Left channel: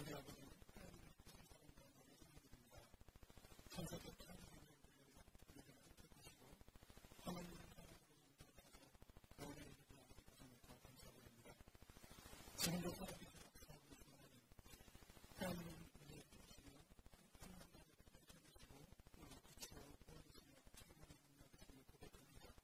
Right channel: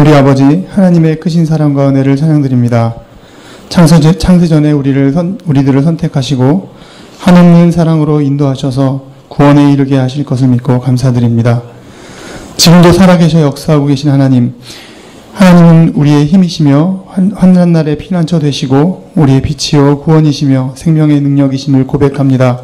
우리 아버지 하나님의 크신 사랑과 은혜를 찬양드립니다. 창세전에 우리들을 선택하시고 한없는 사랑으로 인도하셔서 구원에 이르게 하실 것을 믿고 감사드립니다. 지금도 살아계셔 역사하고 계신 하나님은 우리의 힘이시며 환난날의 피난처 되시고 우리의 빛이요 구원이시며 생명의 능력이심을 고백합니다.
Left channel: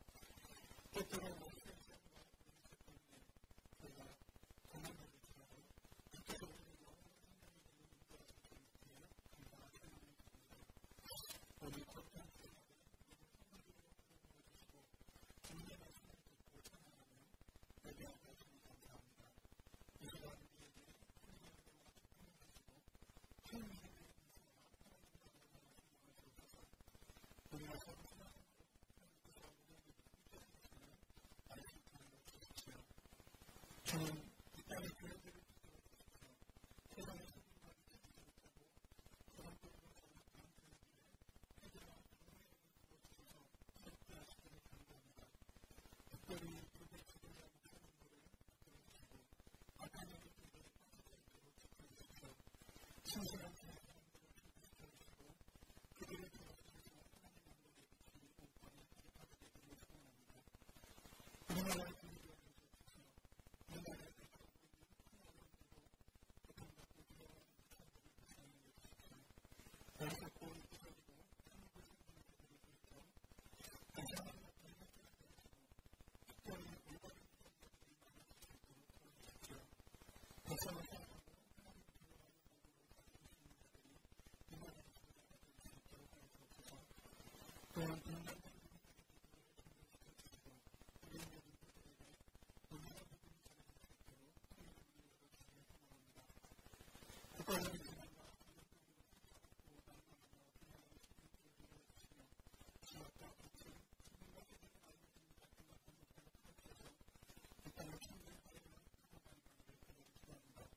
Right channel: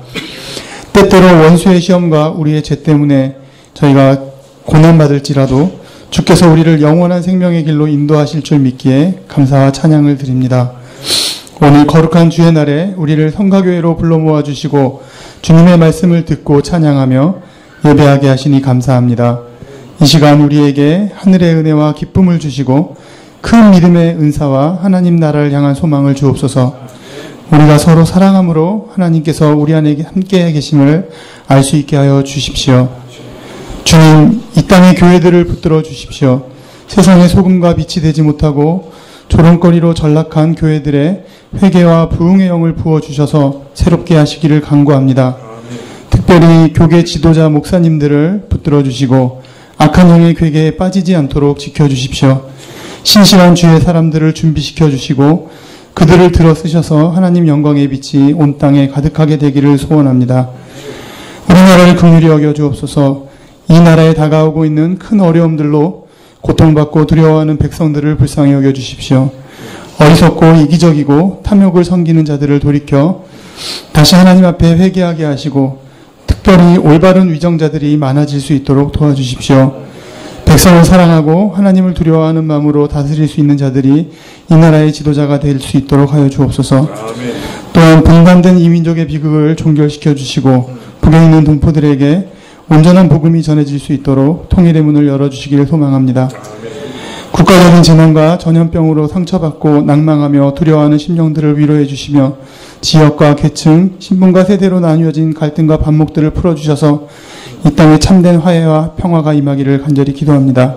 때때로 원수의 시험과 우리의 죄 때문에 저희가 고난받을지라도 주께서 우리를 영원한 생명의 길로 인도하실 줄 믿기에 감사와 찬양을 드립니다. 오늘 거룩한 주의 날에 우리를 성가교회로 불러 모아주시고 주님의 말씀을 듣고 찬양하며 예배하게 하시니 감사합니다. 이 시간 우리에게 하늘의 은혜와 기쁨을 주시고 큰 믿음의 은사와 하나님 나라를 향한 소망을 주옵소서. 우리가 서로 사랑함으로 하나님께서 우리 안에 함께 계심을 알 수 있게 하여 주십시오. 주님, 이 땅의 교회들을 붙들어 주십시오. 세상의 소금과 빛이 되지 못하고 조롱거리로 전락한 교회들의 회개와 부흥의 영을 부어주셔서 새롭게 하시기를 간구합니다. 특별히 교계 지도자 목사님들을 붙들어 주시고 악한 영의 괴계에 빠지지 않도록 지켜주십시오. 신실한 주의 사람들을 준비시켜 주시고 그들을 들어 쓰셔서 하나님 영광의 빛이 온 땅에 가득하게 되기를 소원합니다. 우리나라를 긍휼히 여겨 주옵소서. 이 나라에 다가오고 있는 큰 어려움들로 고통받고 두려워하는 백성들을 불쌍히 여겨 주십시오. 어리석고 이기적이고 탐욕을 섬기는 자들을 돌이켜 다시 하나님 앞에 회개하게 하시고 특별히 올바른 위정자들이 많아질 수 있도록 도와주십시오. 백성을 사랑하고 하나님을 두려워하는 마음으로 다스릴 수 있는 자들이 이 나라의 지도자가 될 수 있도록 하여 주옵소서. 또한 분단된 이민족의 비극을 종결시켜 주시고 북에 있는 동포들에게 온전한 복음이 전해질 수 있도록 통일의 문을 열어주시기를 소망합니다. 국가적인 재난과 전염병으로 상처받고 낭망하며 두려워하는 심령들을 위로해 주시며 지역과 계층, 신분과 세대로 나뉘어진 갈등과 반목들을 풀어주셔서 이 땅에 참된 화해와 평화가 임하기를 간절히 기도합니다.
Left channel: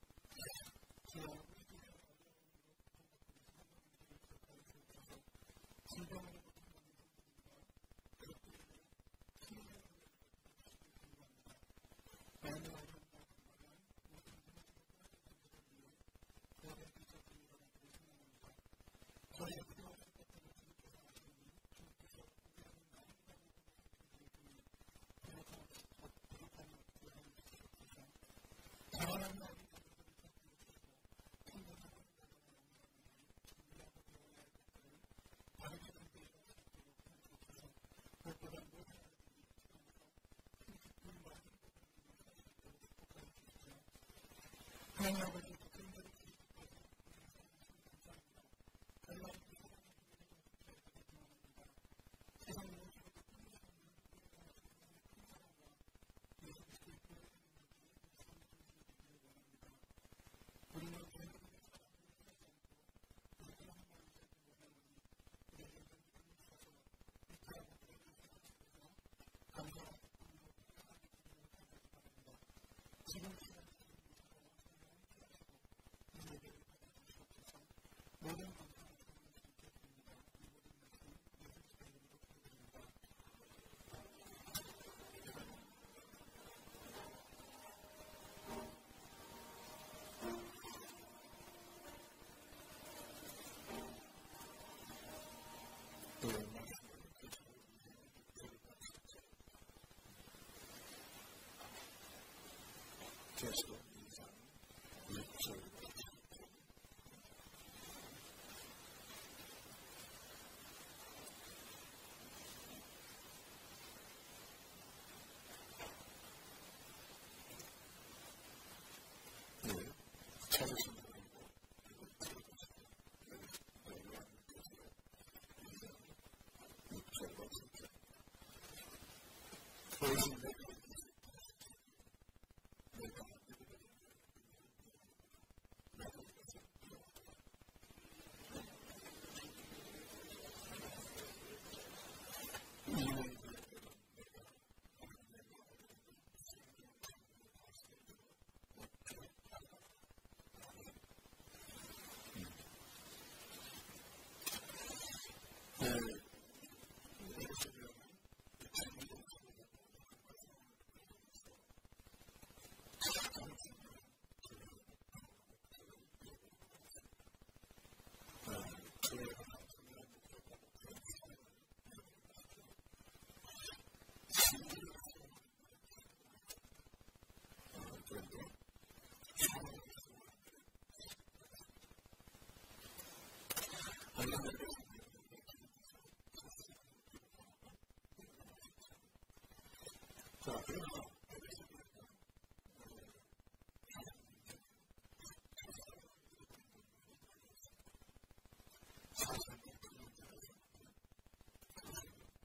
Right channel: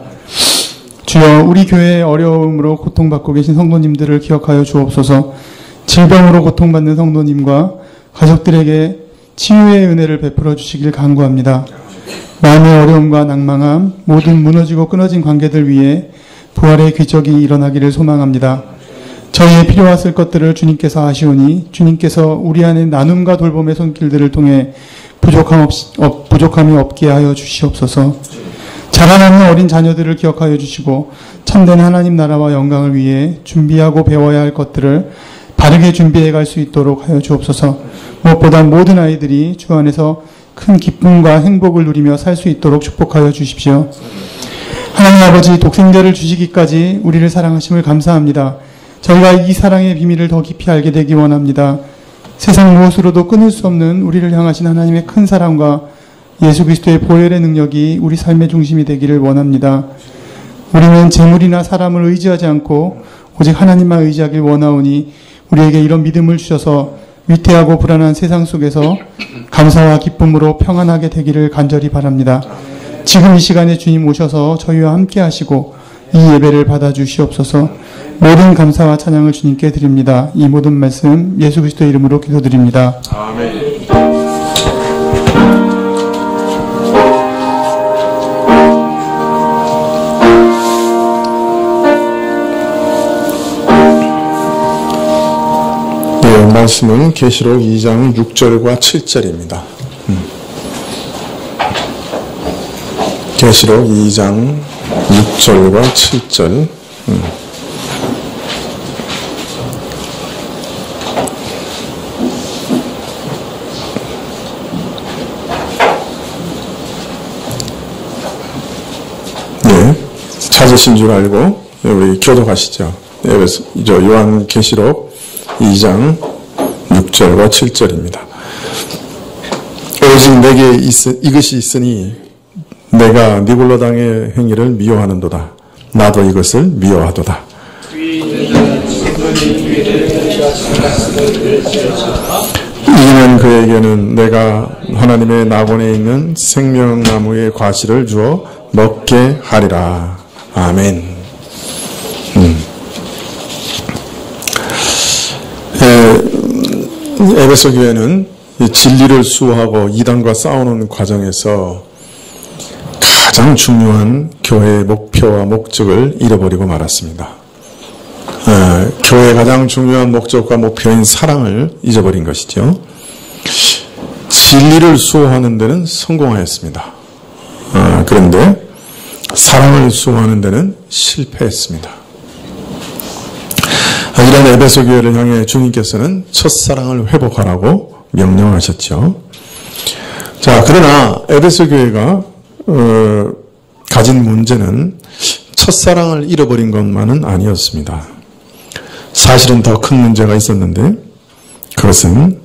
주여, 우리 교회의 어려움으로 고통받고 계신 성도님들을 기억하여 주옵소서. 질병으로 고통받는 성도님과 가족들에게 치유의 은혜를 베풀어 주시길 간구합니다. 마음의 어려움과 낭망함, 모든 무너지고 끊어진 관계들 위해 부활의 기적이 일어나기를 소망합니다. 저희의 필요하실 것들을 주님께서 아시오니 주님께서 우리 안에 나눔과 돌봄의 손길들을 통해 부족함이 없게 하여 주시옵소서. 자라나는 어린 자녀들을 기억하여 주시고 참된 하나님 나라와 영광을 위해 준비하고 배워야 할 것들을 바르게 준비해 갈 수 있도록 하여 주옵소서. 무엇보다 모든 아이들이 주 안에서 큰 기쁨과 행복을 누리며 살 수 있도록 축복하여 주십시오. 하나님 아버지, 독생자를 주시기까지 우리를 사랑하심을 감사합니다. 저희가 이 사랑의 비밀을 더 깊이 알게 되기 원합니다. 세상 무엇으로도 끊을 수 없는 우리를 향하신 하나님의 큰 사랑과 예수 그리스도의 보혈의 능력이 우리 삶의 중심이 되기를 원합니다. 우리는 재물이나 사람을 의지하지 않고 오직 하나님만 의지하길 원하오니 우리에게 이런 믿음을 주셔서 위태하고 불안한 세상 속에서 감사와 기쁨으로 평안하게 되기를 간절히 바랍니다. 지금 이 시간에 주님 오셔서 저희와 함께 하시고 이 예배를 받아주시옵소서. 모든 감사와 찬양을 주님께 드립니다. 이 모든 말씀 예수 그리스도의 이름으로 기도드립니다. 아멘. 말씀은 계시록 2장 6절과 7절입니다. 계시록 2장 6절과 7절. 네, 찾으신 줄 알고 우리 교독하시죠. 요한 계시록 2장 6절과 7절입니다. 오직 내게 이것이 있으니 내가 니골로 당의 행위를 미워하는도다. 나도 이것을 미워하도다. 이는 그에게는 내가 하나님의 낙원에 있는 생명나무의 과실을 주어 먹게 하리라. 아멘. 에베소 교회는 진리를 수호하고 이단과 싸우는 과정에서 가장 중요한 교회의 목표와 목적을 잃어버리고 말았습니다. 교회의 가장 중요한 목적과 목표인 사랑을 잊어버린 것이죠. 진리를 수호하는 데는 성공하였습니다. 그런데 사랑을 수호하는 데는 실패했습니다. 이런 에베소 교회를 향해 주님께서는 첫사랑을 회복하라고 명령하셨죠. 자, 그러나 에베소 교회가 가진 문제는 첫사랑을 잃어버린 것만은 아니었습니다. 사실은 더 큰 문제가 있었는데 그것은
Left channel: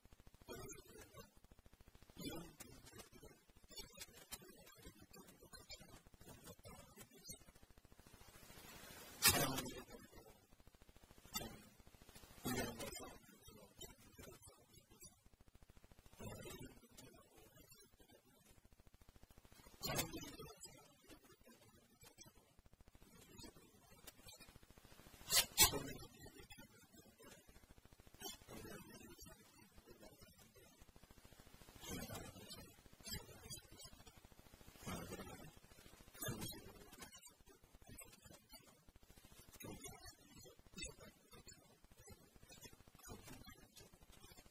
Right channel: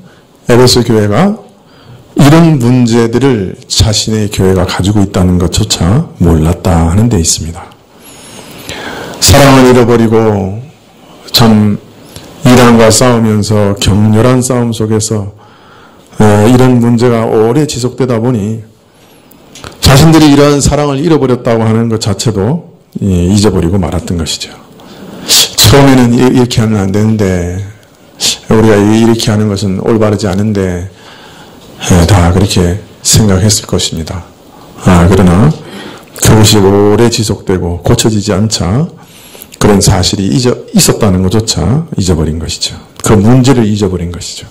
에베소 교회가 이런 문제들을 자신의 교회가 가지고 있다는 것조차 몰랐다 하는 데 있습니다. 사랑을 잃어버리고 참 이란과 싸우면서 격렬한 싸움 속에서 이런 문제가 오래 지속되다 보니 자신들이 이러한 사랑을 잃어버렸다고 하는 것 자체도 잊어버리고 말았던 것이죠. 처음에는 이렇게 하면 안 되는데, 우리가 이렇게 하는 것은 올바르지 않은데 다 그렇게 생각했을 것입니다. 그러나 그것이 오래 지속되고 고쳐지지 않자 그런 사실이 있었다는 것조차 잊어버린 것이죠. 그 문제를 잊어버린 것이죠.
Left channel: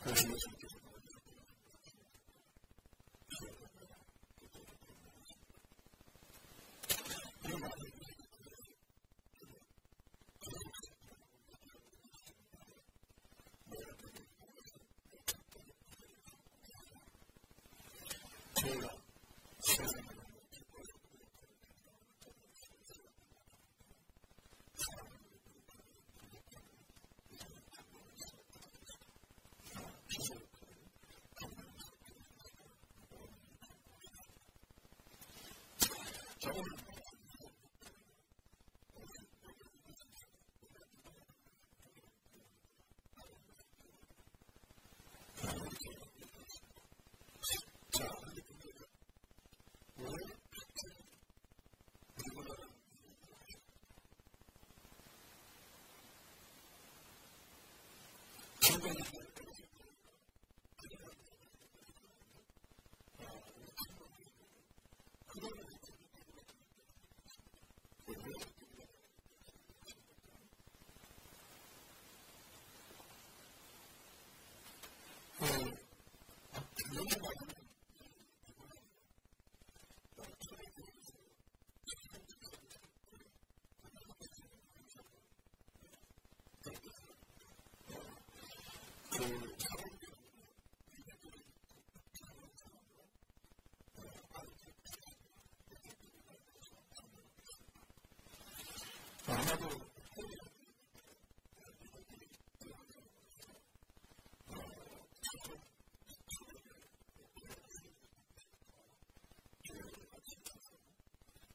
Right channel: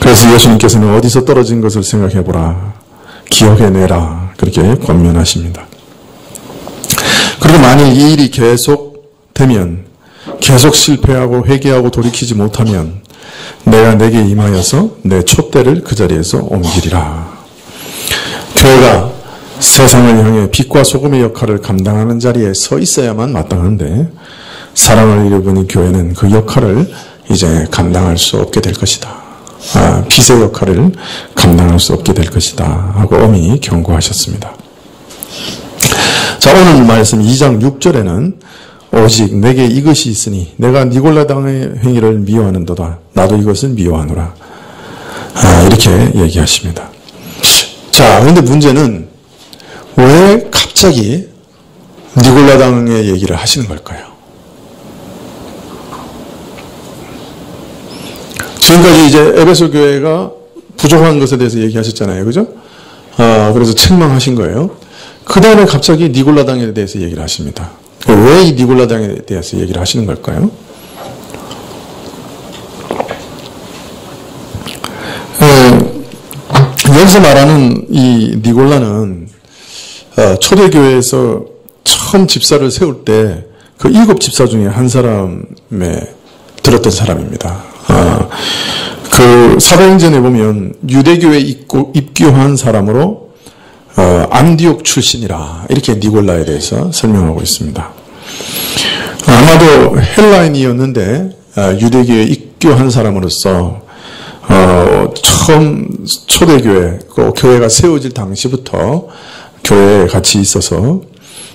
그래서 예수님께서는 어디서 떨어진 것을 생각해보라, 기억해내라, 그렇게 권면하십니다. 그리고 만일 이 일이 계속되면, 계속 실패하고 회개하고 돌이키지 못하면 내가 내게 임하여서 내 촛대를 그 자리에서 옮기리라. 교회가 세상을 향해 빛과 소금의 역할을 감당하는 자리에 서 있어야만 마땅한데 사랑을 잃어버린 교회는 그 역할을 이제 감당할 수 없게 될 것이다. 빛의 역할을 감당할 수 없게 될 것이다 하고 엄히 경고하셨습니다. 자, 오늘 말씀 2장 6절에는 오직 내게 이것이 있으니 내가 니골라당의 행위를 미워하는도다. 나도 이것을 미워하노라. 이렇게 얘기하십니다. 자, 그런데 문제는 왜 갑자기 니골라당의 얘기를 하시는 걸까요? 지금까지 이제 에베소 교회가 부족한 것에 대해서 얘기하셨잖아요. 그죠? 그래서 책망하신 거예요. 그 다음에 갑자기 니골라당에 대해서 얘기를 하십니다. 왜 이 니골라당에 대해서 얘기를 하시는 걸까요? 여기서 말하는 이 니골라는 초대교회에서 처음 집사를 세울 때 그 7집사 중에 한 사람에 들었던 사람입니다. 그 사도행전에 보면 유대교에 입교한 사람으로 안디옥 출신이라 이렇게 니골라에 대해서 설명하고 있습니다. 아마도 헬라인이었는데 유대교에 입교한 사람으로서 처음 초대교회, 교회가 세워질 당시부터 교회에 같이 있어서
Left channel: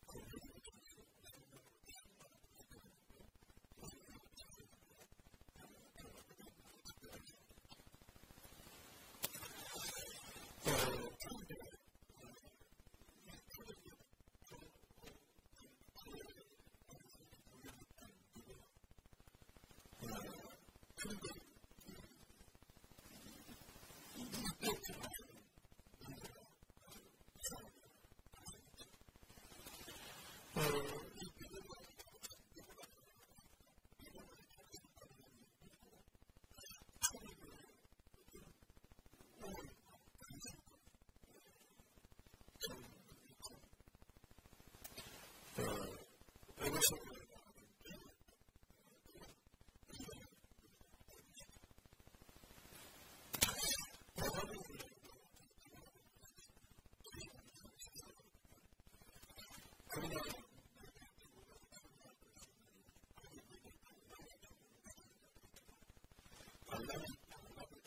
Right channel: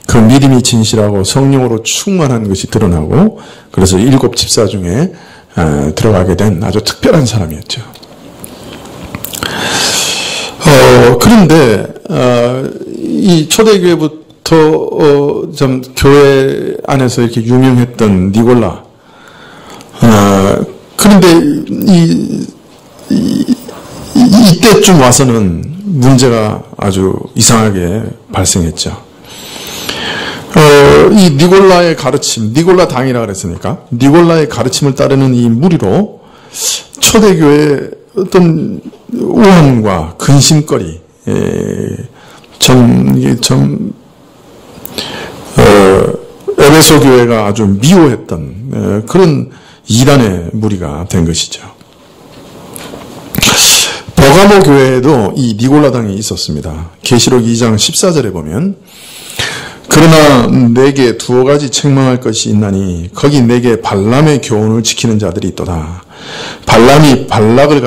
그 믿음이 진실하고 성령으로 충만한 것이 드러나고 그래서 7집사 중에 들어가게 된 아주 특별한 사람이었죠. 그런데 이 초대교회부터 좀 교회 안에서 이렇게 유명했던 니골라, 그런데 이때쯤 와서는 문제가 아주 이상하게 발생했죠. 이 니골라의 가르침, 니골라 당이라 그랬으니까 니골라의 가르침을 따르는 이 무리로 초대교회의 어떤 우환과 근심거리, 에베소 교회가 아주 미워했던 그런 이단의 무리가 된 것이죠. 버가모 교회에도 이 니골라당이 있었습니다. 계시록 2장 14절에 보면 그러나 내게 두어 가지 책망할 것이 있나니 거기 내게 발람의 교훈을 지키는 자들이 있도다. 발람이 발락을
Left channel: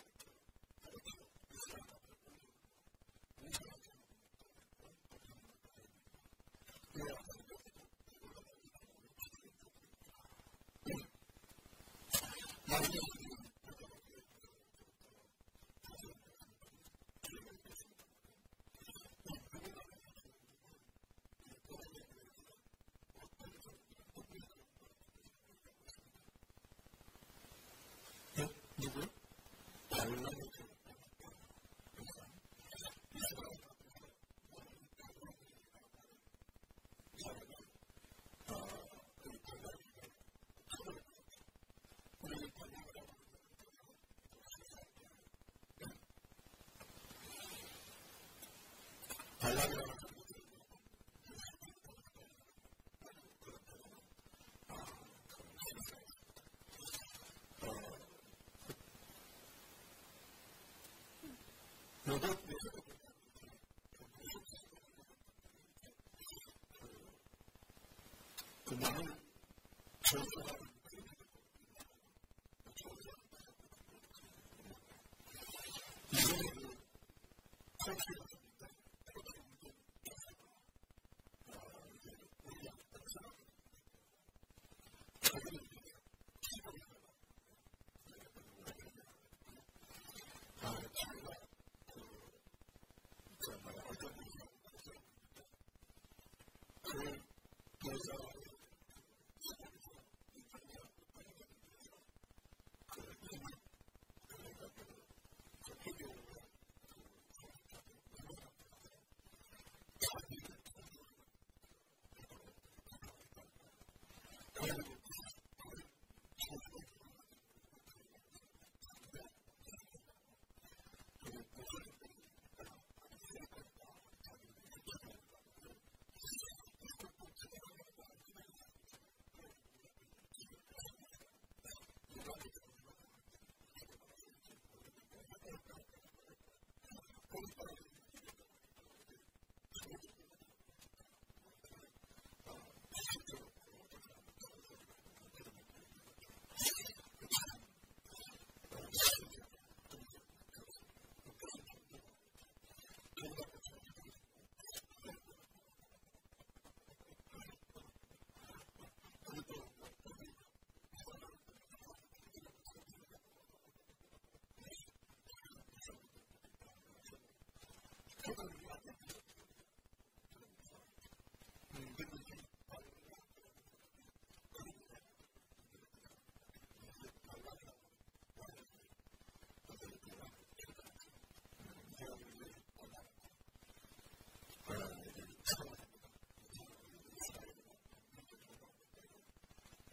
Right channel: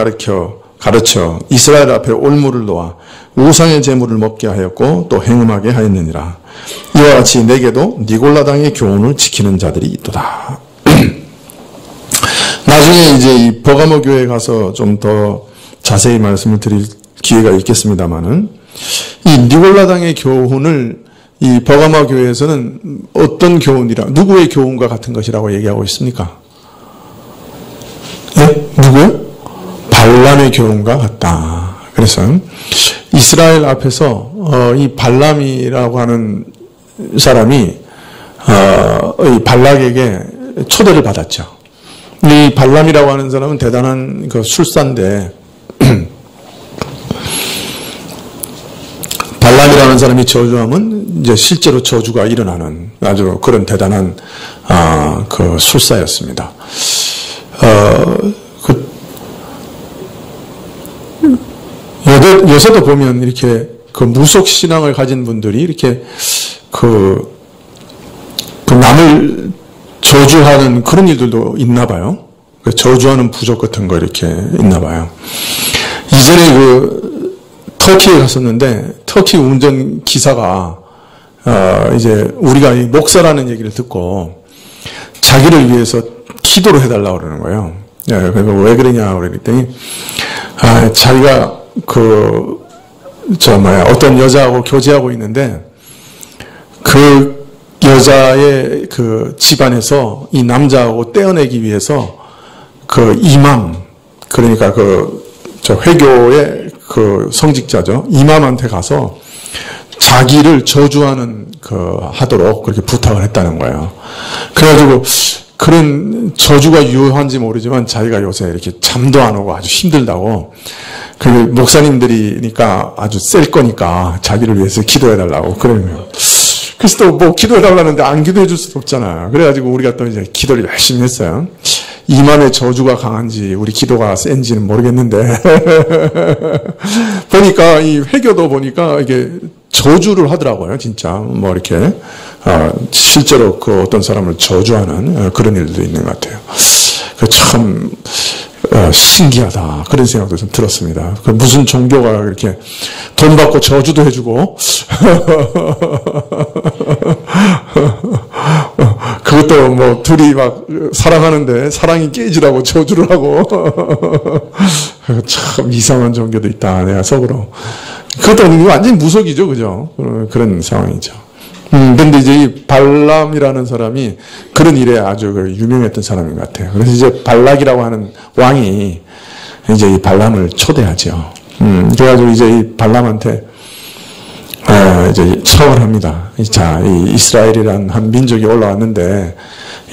가르쳐 이스라엘 앞에 올무를 놓아 우상의 제물을 먹게 하였고 또 행음하게 하였느니라. 이와 같이 내게도 니골라당의 교훈을 지키는 자들이 있도다. 나중에 이제 이 버가모 교회에 가서 좀 더 자세히 말씀을 드릴 기회가 있겠습니다만은 이 니골라당의 교훈을 이 버가모 교회에서는 어떤 교훈이라, 누구의 교훈과 같은 것이라고 얘기하고 있습니까? 네? 누구요? 발람의 교훈과 같다. 그래서 이스라엘 앞에서 이 발람이라고 하는 사람이 이 발락에게 초대를 받았죠. 이 발람이라고 하는 사람은 대단한 그 술사인데 발람이라는 사람이 저주하면 이제 실제로 저주가 일어나는 아주 그런 대단한 그 술사였습니다. 요새도 보면 이렇게 그 무속 신앙을 가진 분들이 이렇게 그 남을 저주하는 그런 일들도 있나 봐요. 저주하는 부족 같은 거 이렇게 있나 봐요. 이전에 그 터키에 갔었는데 터키 운전 기사가 이제 우리가 이 목사라는 얘기를 듣고 자기를 위해서 기도를 해달라고 그러는 거예요. 그래서 왜 그러냐 그랬더니 자기가 어떤 여자하고 교제하고 있는데 그 여자의 그 집안에서 이 남자하고 떼어내기 위해서 그 이맘, 그러니까 회교의 그 성직자죠. 이맘한테 가서 자기를 저주하는 하도록 그렇게 부탁을 했다는 거예요. 그래가지고 그런 저주가 유효한지 모르지만 자기가 요새 이렇게 잠도 안 오고 아주 힘들다고 그 목사님들이니까 아주 셀 거니까 자기를 위해서 기도해달라고 그러면 그래서 또 뭐 기도해달라는데 안 기도해 줄 수도 없잖아요. 그래가지고 우리가 또 이제 기도를 열심히 했어요. 이맘의 저주가 강한지 우리 기도가 센지는 모르겠는데 보니까 이 회교도 보니까 이게 저주를 하더라고요. 진짜 뭐 이렇게 실제로 그 어떤 사람을 저주하는 그런 일도 있는 것 같아요. 참 신기하다 그런 생각도 좀 들었습니다. 무슨 종교가 이렇게 돈 받고 저주도 해주고 그것도 뭐 둘이 막 사랑하는데 사랑이 깨지라고 저주를 하고 참 이상한 종교도 있다 내가 속으로. 그것도 완전히 무속이죠, 그죠? 그런 상황이죠. 근데 이제 이 발람이라는 사람이 그런 일에 아주 유명했던 사람인 것 같아요. 그래서 이제 발락이라고 하는 왕이 이제 이 발람을 초대하죠. 그래가지고 이제 이 발람한테 이제 청을 합니다. 자, 이 이스라엘이란 한 민족이 올라왔는데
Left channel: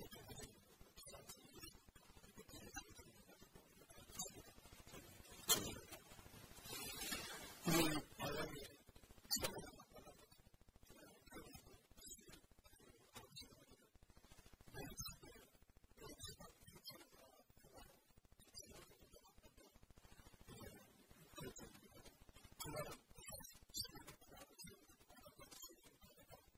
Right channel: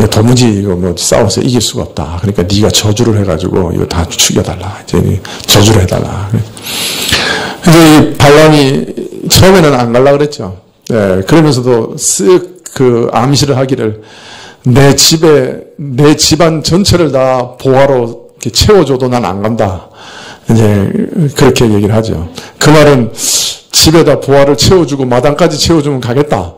도무지 이거 뭐 싸워서 이길 수가 없다. 그러니까 네가 저주를 해가지고 이거 다 죽여달라. 이제 저주를 해달라. 그래서 이 발람이 처음에는 안 갈라 그랬죠. 네, 그러면서도 쓱 암시를 하기를 내 집안 전체를 다 보화로 이렇게 채워줘도 난 안 간다. 이제 그렇게 얘기를 하죠. 그 말은 집에다 보화를 채워주고 마당까지 채워주면 가겠다.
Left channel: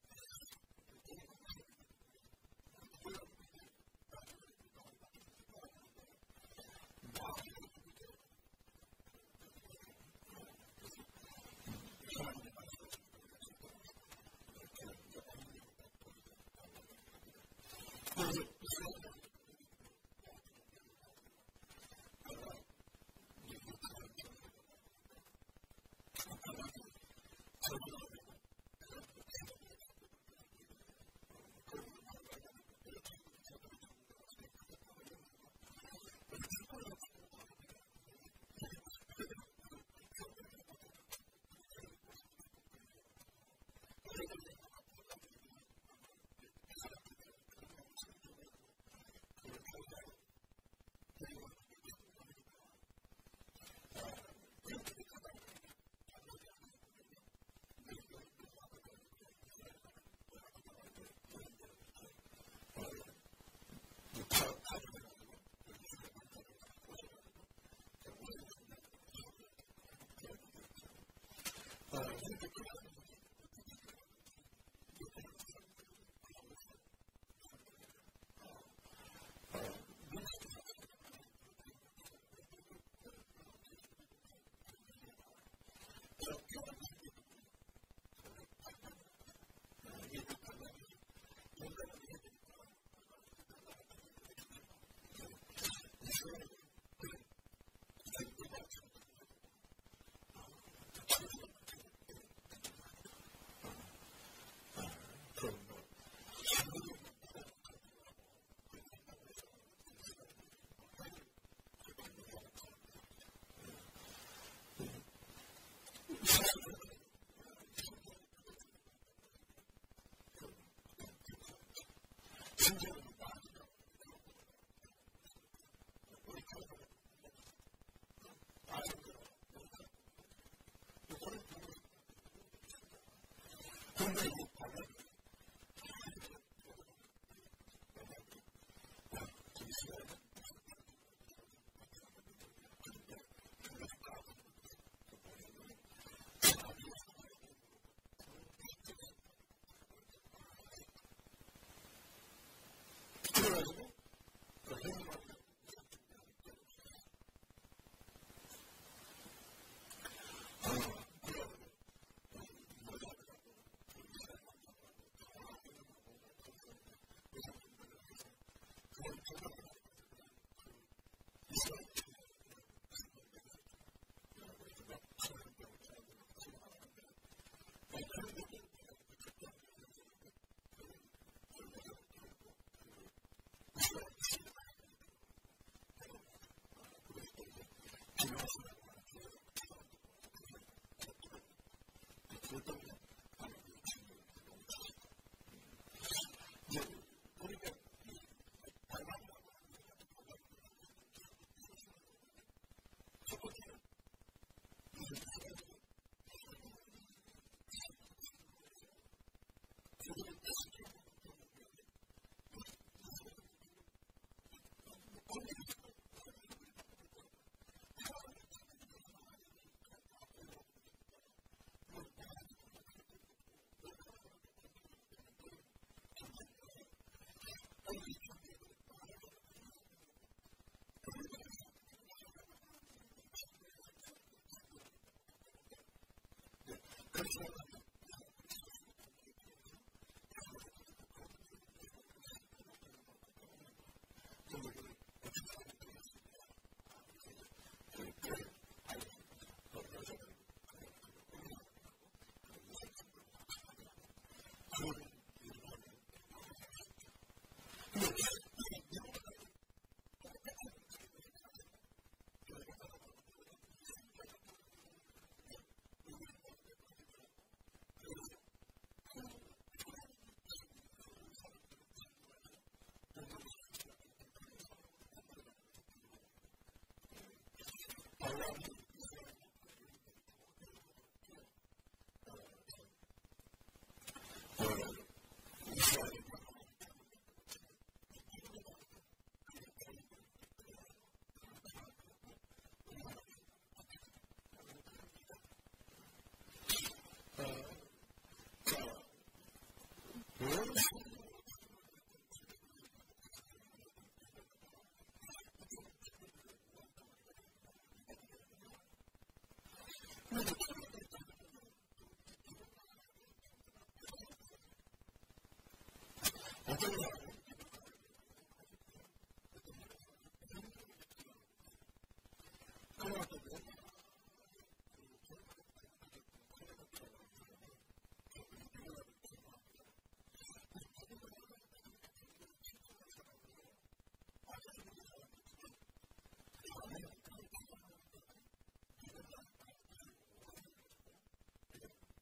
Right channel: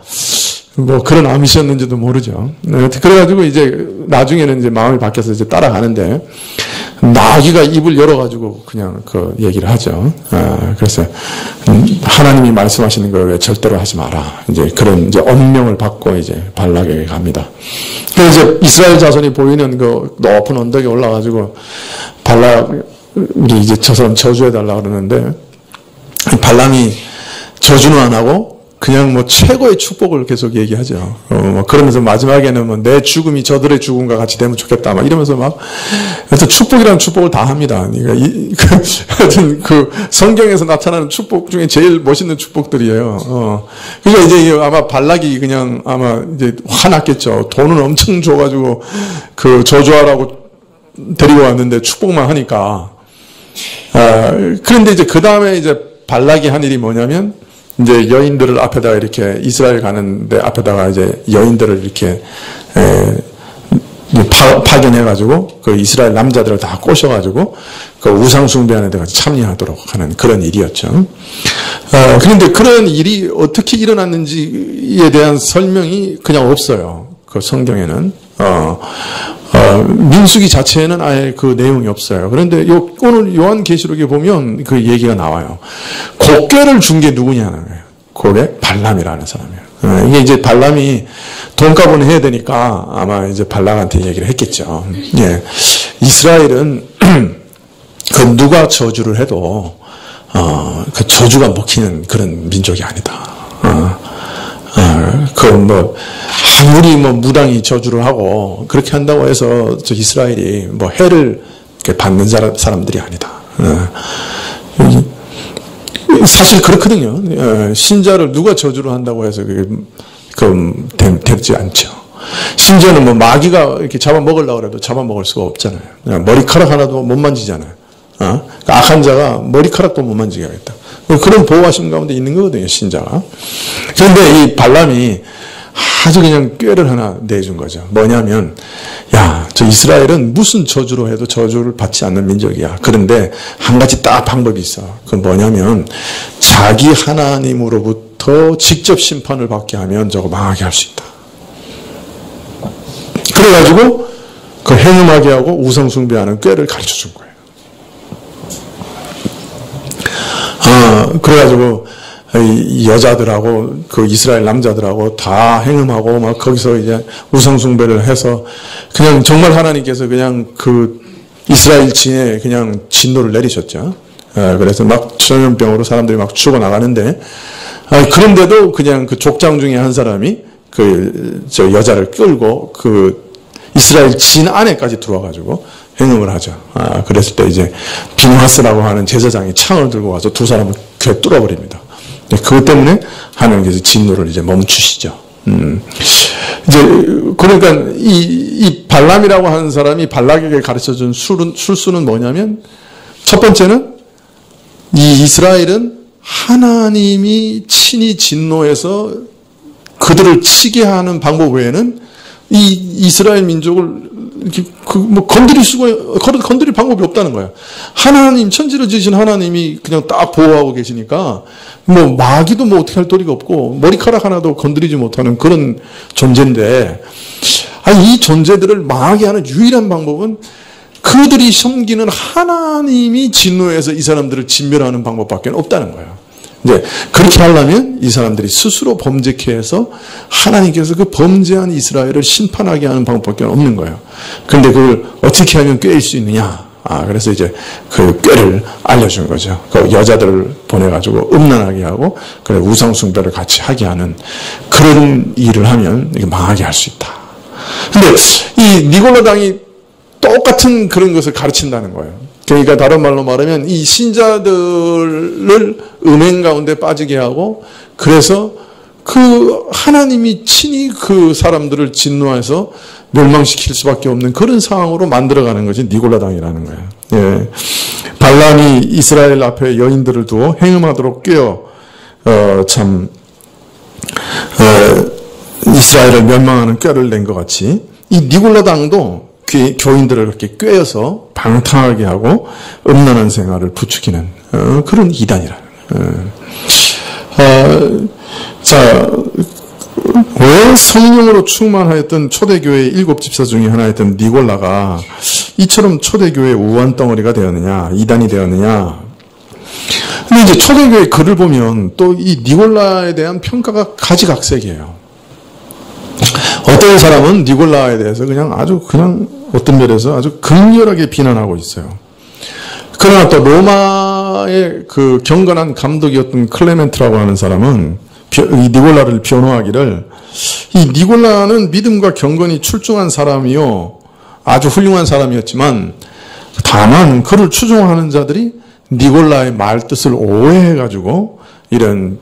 뭐 그런 암시였는지도 모르죠. 네, 그래가지고 이제 나중에는 이제 마음이 바뀌어서 이제 따라가는데 나귀가 입을 열어가지고 그냥 그 얘기를 하죠. 그래서 하나님이 말씀하시는 걸 왜 절대로 하지 마라. 이제 그런 이제 언명을 받고 이제 발락에게 갑니다. 그래서 이제 이스라엘 자손이 보이는 그 높은 언덕에 올라가지고 발락이 이제 저 사람 저주해달라 그러는데 발람이 저주는 안 하고 그냥 뭐 최고의 축복을 계속 얘기하죠. 뭐 그러면서 마지막에는 뭐 내 죽음이 저들의 죽음과 같이 되면 좋겠다. 막 이러면서 막 하여튼 축복이라는 축복을 다 합니다. 그러니까 하여튼 그 성경에서 나타나는 축복 중에 제일 멋있는 축복들이에요. 그러니까 이제 아마 발락이 그냥 아마 이제 화났겠죠. 돈은 엄청 줘가지고 그 저주하라고 데리고 왔는데 축복만 하니까. 그런데 이제 그 다음에 이제 발락이 한 일이 뭐냐면 이제 여인들을 앞에다가 이렇게 이스라엘 가는데 앞에다가 이제 여인들을 이렇게 파견해가지고 그 이스라엘 남자들을 다 꼬셔가지고 그 우상숭배하는 데가 참여하도록 하는 그런 일이었죠. 그런데 그런 일이 어떻게 일어났는지에 대한 설명이 그냥 없어요. 그 성경에는. 민수기 자체에는 아예 그 내용이 없어요. 그런데 오늘 요한계시록에 보면 그 얘기가 나와요. 곡궤를 준 게 누구냐는 거예요. 그게 발람이라는 사람이에요. 이게 이제 발람이 돈값은 해야 되니까 아마 이제 발람한테 얘기를 했겠죠. 예. 이스라엘은 그 누가 저주를 해도 그 저주가 먹히는 그런 민족이 아니다. 아무리 무당이 저주를 하고 그렇게 한다고 해서 저 이스라엘이 해를 받는 사람들이 아니다. 사실 그렇거든요. 신자를 누가 저주를 한다고 해서 그게 되지 않죠. 심지어는 뭐 마귀가 이렇게 잡아먹으려고 해도 잡아먹을 수가 없잖아요. 머리카락 하나도 못 만지잖아요. 악한 자가 머리카락도 못 만지게 하겠다. 그런 보호하심 가운데 있는 거거든요, 신자가. 그런데 이 발람이 아주 그냥 꾀를 하나 내준 거죠. 뭐냐면, 야, 저 이스라엘은 무슨 저주로 해도 저주를 받지 않는 민족이야. 그런데 한 가지 딱 방법이 있어. 그건 뭐냐면, 자기 하나님으로부터 직접 심판을 받게 하면 저거 망하게 할 수 있다. 그래가지고, 그 행음하게 하고 우상숭배하는 꾀를 가르쳐 준 거예요. 그래가지고, 이 여자들하고 그 이스라엘 남자들하고 다 행음하고 막 거기서 이제 우상숭배를 해서 그냥 정말 하나님께서 그냥 그 이스라엘 진에 그냥 진노를 내리셨죠. 그래서 막 전염병으로 사람들이 막 죽어나가는데, 그런데도 그냥 그 족장 중에 한 사람이 저 여자를 끌고 그 이스라엘 진 안에까지 들어와가지고 행음을 하죠. 그랬을 때 이제 비누하스라고 하는 제사장이 창을 들고 와서 두 사람을 귀에 뚫어버립니다. 그것 때문에 하나님께서 진노를 이제 멈추시죠. 이제, 그러니까 이 발람이라고 하는 사람이 발락에게 가르쳐준 술수는 뭐냐면, 첫 번째는 이 이스라엘은 하나님이 친히 진노해서 그들을 치게 하는 방법 외에는 이 이스라엘 민족을 이렇게 건드릴 방법이 없다는 거야. 하나님, 천지를 지으신 하나님이 그냥 딱 보호하고 계시니까 뭐 마귀도 뭐 어떻게 할 도리가 없고 머리카락 하나도 건드리지 못하는 그런 존재인데, 이 존재들을 망하게 하는 유일한 방법은 그들이 섬기는 하나님이 진노해서 이 사람들을 진멸하는 방법밖에 없다는 거예요. 이제 그렇게 하려면 이 사람들이 스스로 범죄케 해서 하나님께서 그 범죄한 이스라엘을 심판하게 하는 방법밖에 없는 거예요. 그런데 그걸 어떻게 하면 꾀일 수 있느냐? 그래서 이제 그 꾀를 알려준 거죠. 그 여자들을 보내가지고 음란하게 하고, 그래, 우상숭배를 같이 하게 하는 그런 일을 하면 이게 망하게 할 수 있다. 근데 이 니골라 당이 똑같은 그런 것을 가르친다는 거예요. 그러니까 다른 말로 말하면 이 신자들을 음행 가운데 빠지게 하고, 그래서 그 하나님이 친히 그 사람들을 진노해서 멸망시킬 수밖에 없는 그런 상황으로 만들어가는 것이 니골라당이라는 거예요. 예. 발람이 이스라엘 앞에 여인들을 두어 행음하도록 꾀어 이스라엘을 멸망하는 꾀를 낸 것 같이 이 니골라당도 교인들을 그렇게 꾀어서 방탕하게 하고 음란한 생활을 부추기는 그런 이단이라는 거예요. 자, 왜 성령으로 충만하였던 초대교회의 7집사 중에 하나였던 니골라가 이처럼 초대교회의 우환 덩어리가 되었느냐, 이단이 되었느냐. 근데 이제 초대교회 글을 보면 또 이 니골라에 대한 평가가 가지각색이에요. 어떤 사람은 니골라에 대해서 그냥 어떤 면에서 아주 극렬하게 비난하고 있어요. 그러나 또 로마의 그 경건한 감독이었던 클레멘트라고 하는 사람은 이 니골라를 변호하기를, 이 니골라는 믿음과 경건이 출중한 사람이요, 아주 훌륭한 사람이었지만 다만 그를 추종하는 자들이 니골라의 말 뜻을 오해해가지고 이런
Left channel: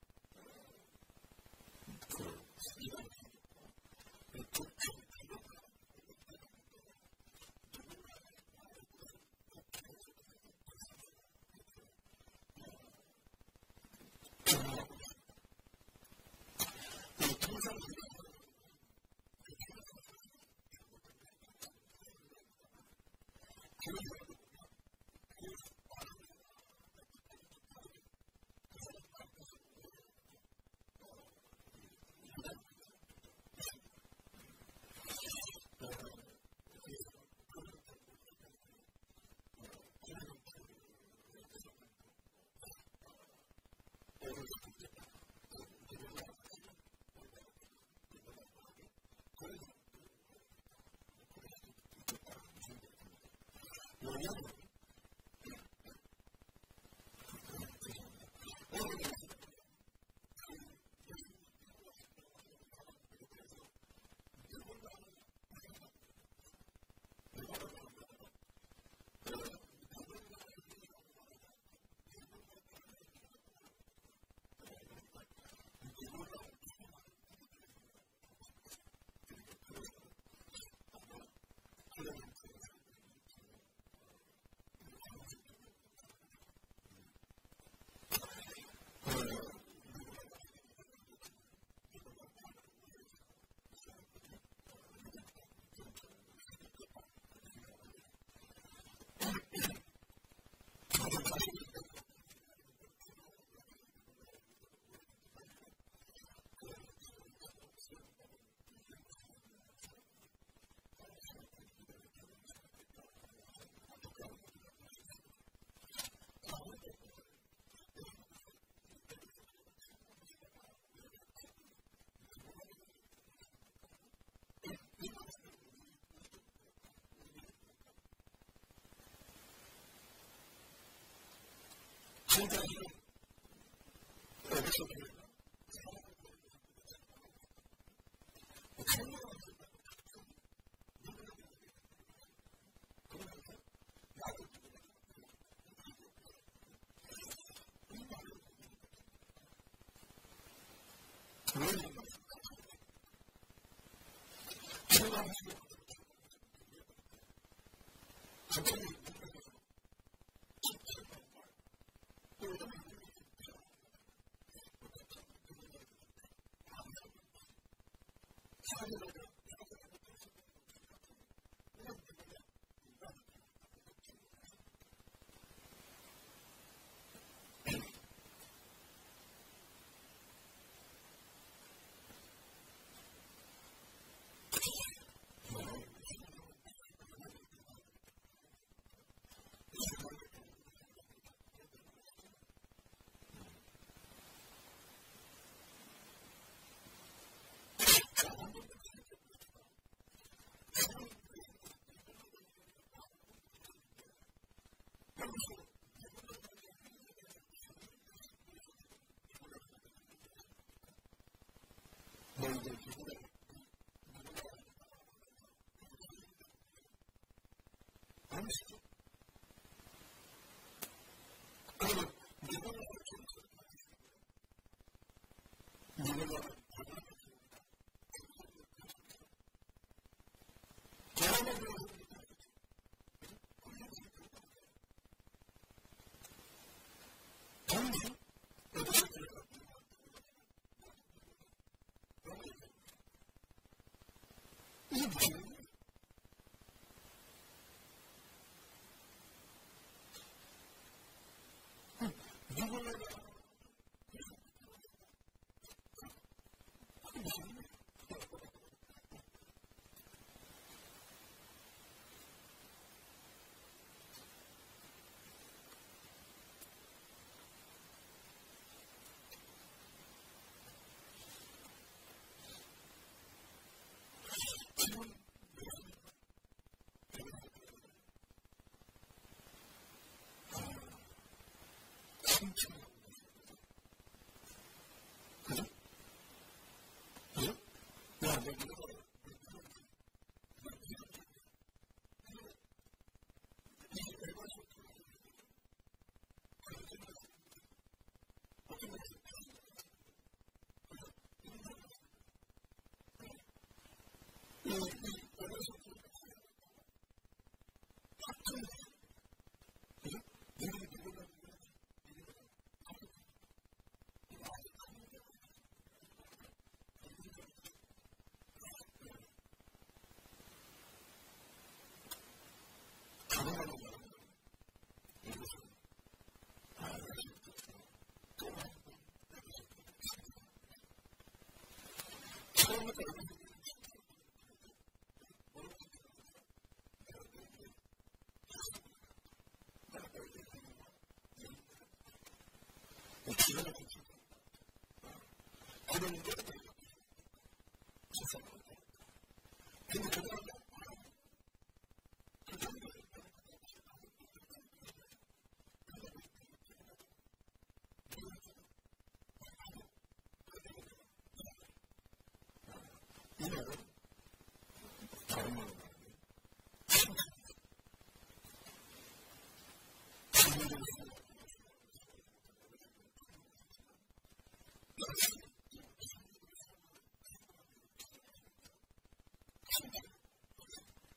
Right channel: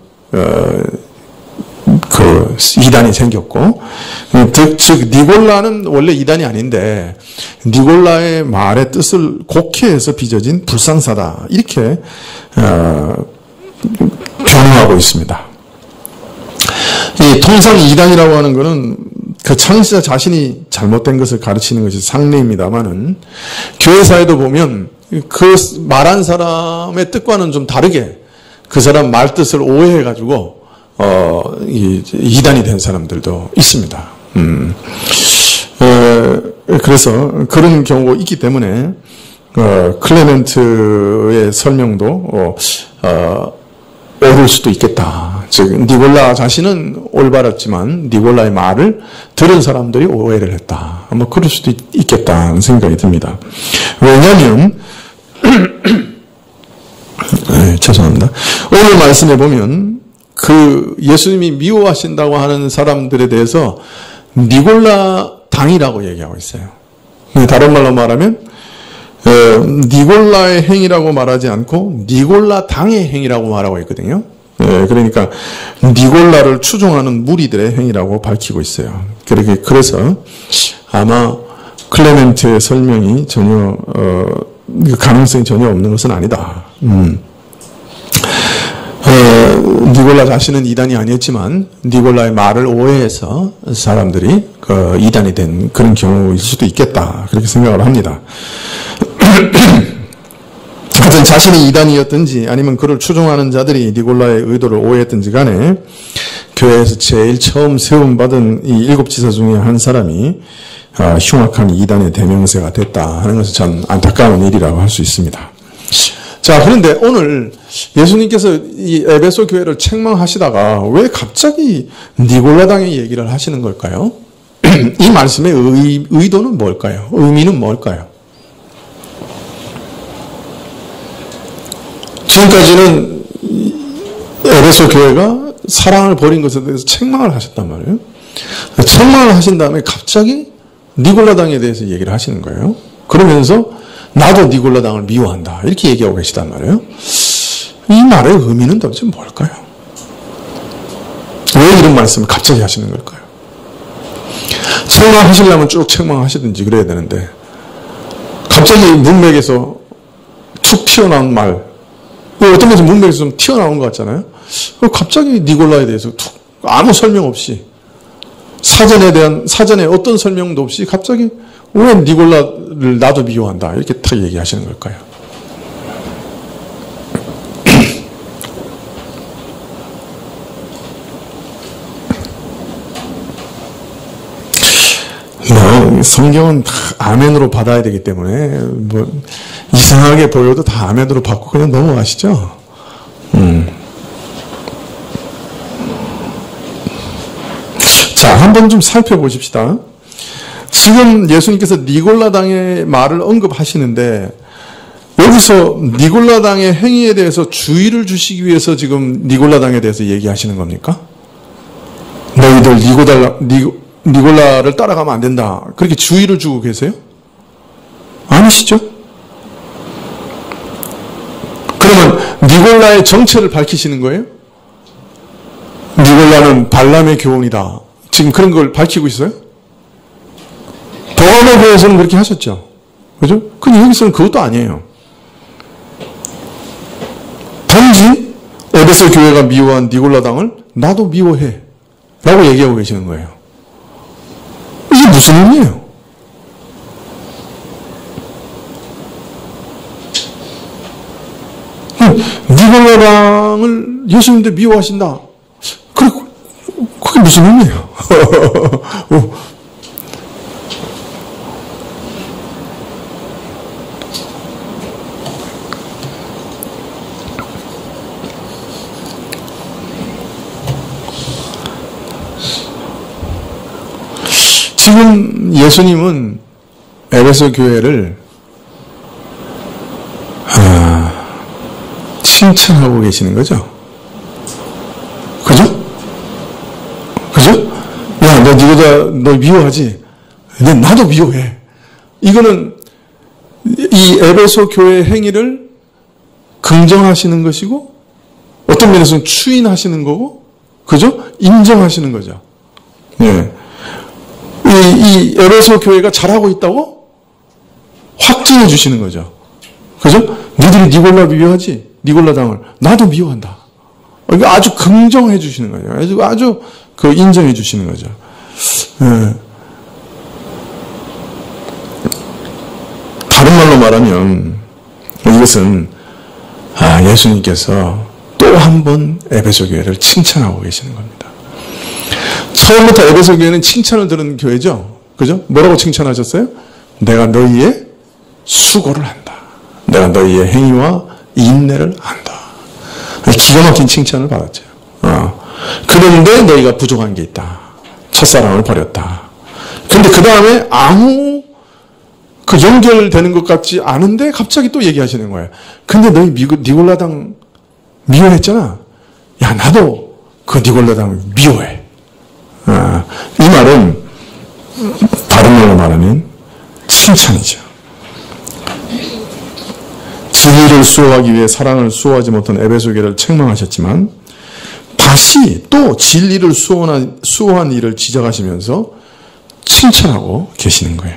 그 이단이 생겼고, 즉 니골라는 원래 이단이 아닌데 니골라의 말의 뜻을 곡해해서 빚어진 불상사다, 이렇게 변호하고 있습니다. 이 통상 이단이라고 하는 것은 그 창시자 자신이 잘못된 것을 가르치는 것이 상례입니다만은, 교회사에도 보면 그 말한 사람의 뜻과는 좀 다르게 그 사람 말 뜻을 오해해가지고 이단이 된 사람들도 있습니다. 그래서 그런 경우가 있기 때문에 클레멘트의 설명도 옳을 수도 있겠다. 즉 니골라 자신은 올바랐지만 니골라의 말을 들은 사람들이 오해를 했다. 뭐 그럴 수도 있겠다는 생각이 듭니다. 왜냐하면 죄송합니다. 오늘 말씀해 보면 그 예수님이 미워하신다고 하는 사람들에 대해서 니골라 당이라고 얘기하고 있어요. 다른 말로 말하면 니골라의 행위라고 말하지 않고 니골라 당의 행위라고 말하고 있거든요. 그러니까 니골라를 추종하는 무리들의 행위라고 밝히고 있어요. 그래서 아마 클레멘트의 설명이 전혀 가능성이 전혀 없는 것은 아니다. 니골라 자신은 이단이 아니었지만 니골라의 말을 오해해서 사람들이 이단이 된 그런 경우일 수도 있겠다. 그렇게 생각을 합니다. 하여튼 자신이 이단이었든지 아니면 그를 추종하는 자들이 니골라의 의도를 오해했든지 간에 교회에서 제일 처음 세움받은 이 7지사 중에 한 사람이 흉악한 이단의 대명사가 됐다 하는 것은 참 안타까운 일이라고 할 수 있습니다. 자, 그런데 오늘 예수님께서 이 에베소 교회를 책망하시다가 왜 갑자기 니골라당의 얘기를 하시는 걸까요? 이 말씀의 의도는 뭘까요? 의미는 뭘까요? 지금까지는 에베소 교회가 사랑을 버린 것에 대해서 책망을 하셨단 말이에요. 책망을 하신 다음에 갑자기 니골라당에 대해서 얘기를 하시는 거예요. 그러면서 나도 니골라당을 미워한다 이렇게 얘기하고 계시단 말이에요. 이 말의 의미는 도대체 뭘까요? 왜 이런 말씀을 갑자기 하시는 걸까요? 책망하시려면 쭉 책망하시든지 그래야 되는데 갑자기 문맥에서 툭 튀어나온 말, 어떤 면에서 문맥에서 좀 튀어나온 것 같잖아요. 갑자기 니골라에 대해서 툭 아무 설명 없이 사전에 어떤 설명도 없이 갑자기 왜 니골라를 나도 미워한다 이렇게 탁 얘기하시는 걸까요? 성경은 다 아멘으로 받아야 되기 때문에 이상하게 보여도 다 아멘으로 받고 그냥 넘어가시죠. 자, 한번 좀 살펴보십시다. 지금 예수님께서 니골라당의 말을 언급하시는데 여기서 니골라당의 행위에 대해서 주의를 주시기 위해서 지금 니골라당에 대해서 얘기하시는 겁니까? 너희들 니골라를 따라가면 안 된다. 그렇게 주의를 주고 계세요? 아니시죠? 그러면 니골라의 정체를 밝히시는 거예요? 니골라는 발람의 교훈이다. 지금 그런 걸 밝히고 있어요? 도마의 교회에서는 그렇게 하셨죠. 그죠? 근데 여기서는 그것도 아니에요. 단지 에베소 교회가 미워한 니골라당을 나도 미워해 라고 얘기하고 계시는 거예요. 이게 무슨 의미예요? 니골라당을 예수님도 미워하신다. 그게 무슨 의미예요? 지금 예수님은 에베소 교회를 칭찬하고 계시는 거죠. 그죠? 그죠? 야, 너 미워하지? 근데 나도 미워해. 이거는 이 에베소 교회의 행위를 긍정하시는 것이고 어떤 면에서는 추인하시는 거고, 그죠? 인정하시는 거죠. 예. 이 에베소 교회가 잘하고 있다고 확증해 주시는 거죠. 그죠? 니들이 니골라 미워하지? 니골라당을 나도 미워한다. 이거 아주 긍정해 주시는 거죠. 아주 인정해 주시는 거죠. 예. 다른 말로 말하면 이것은 예수님께서 또 한 번 에베소 교회를 칭찬하고 계시는 겁니다. 처음부터 에베소 교회는 칭찬을 들은 교회죠. 그죠? 뭐라고 칭찬하셨어요? 내가 너희의 수고를 한다. 내가 너희의 행위와 인내를 안다. 기가 막힌 칭찬을 받았죠. 그런데 너희가 부족한 게 있다. 첫사랑을 버렸다. 근데 그 다음에 아무 연결되는 것 같지 않은데 갑자기 또 얘기하시는 거예요. 근데 너희 니골라당 미워했잖아. 야, 나도 그 니골라당 미워해. 이 말은 다른 말로 말하면 칭찬이죠. 진리를 수호하기 위해 사랑을 수호하지 못한 에베소 교회를 책망하셨지만 다시 또 진리를 수호한 일을 지적하시면서 칭찬하고 계시는 거예요.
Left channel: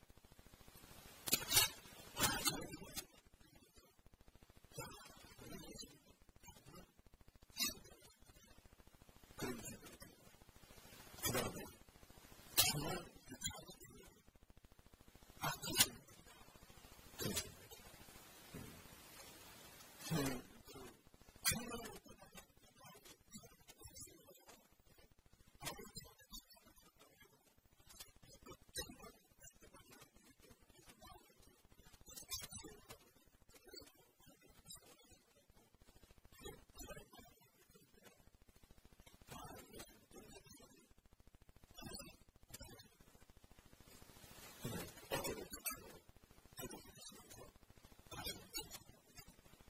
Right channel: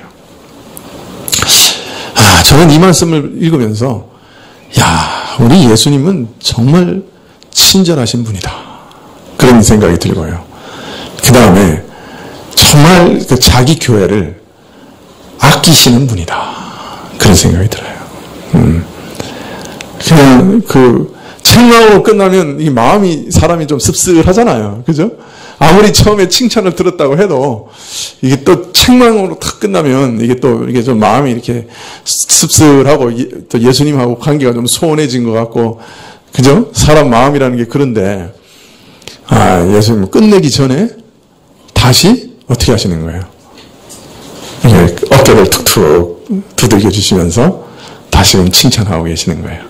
저는 이 말씀을 읽으면서 우리 예수님은 정말 친절하신 분이다. 그런 생각이 들고요. 그 다음에 정말 자기 교회를 아끼시는 분이다. 그런 생각이 들어요. 그냥 책망으로 끝나면 이 마음이 사람이 좀 씁쓸하잖아요. 그죠? 아무리 처음에 칭찬을 들었다고 해도 이게 또 책망으로 탁 끝나면 이게 좀 마음이 이렇게 씁쓸하고 또 예수님하고 관계가 좀 소원해진 것 같고, 그죠? 사람 마음이라는 게 그런데, 예수님 끝내기 전에 다시 어떻게 하시는 거예요? 어깨를 툭툭 두들겨 주시면서 다시금 칭찬하고 계시는 거예요.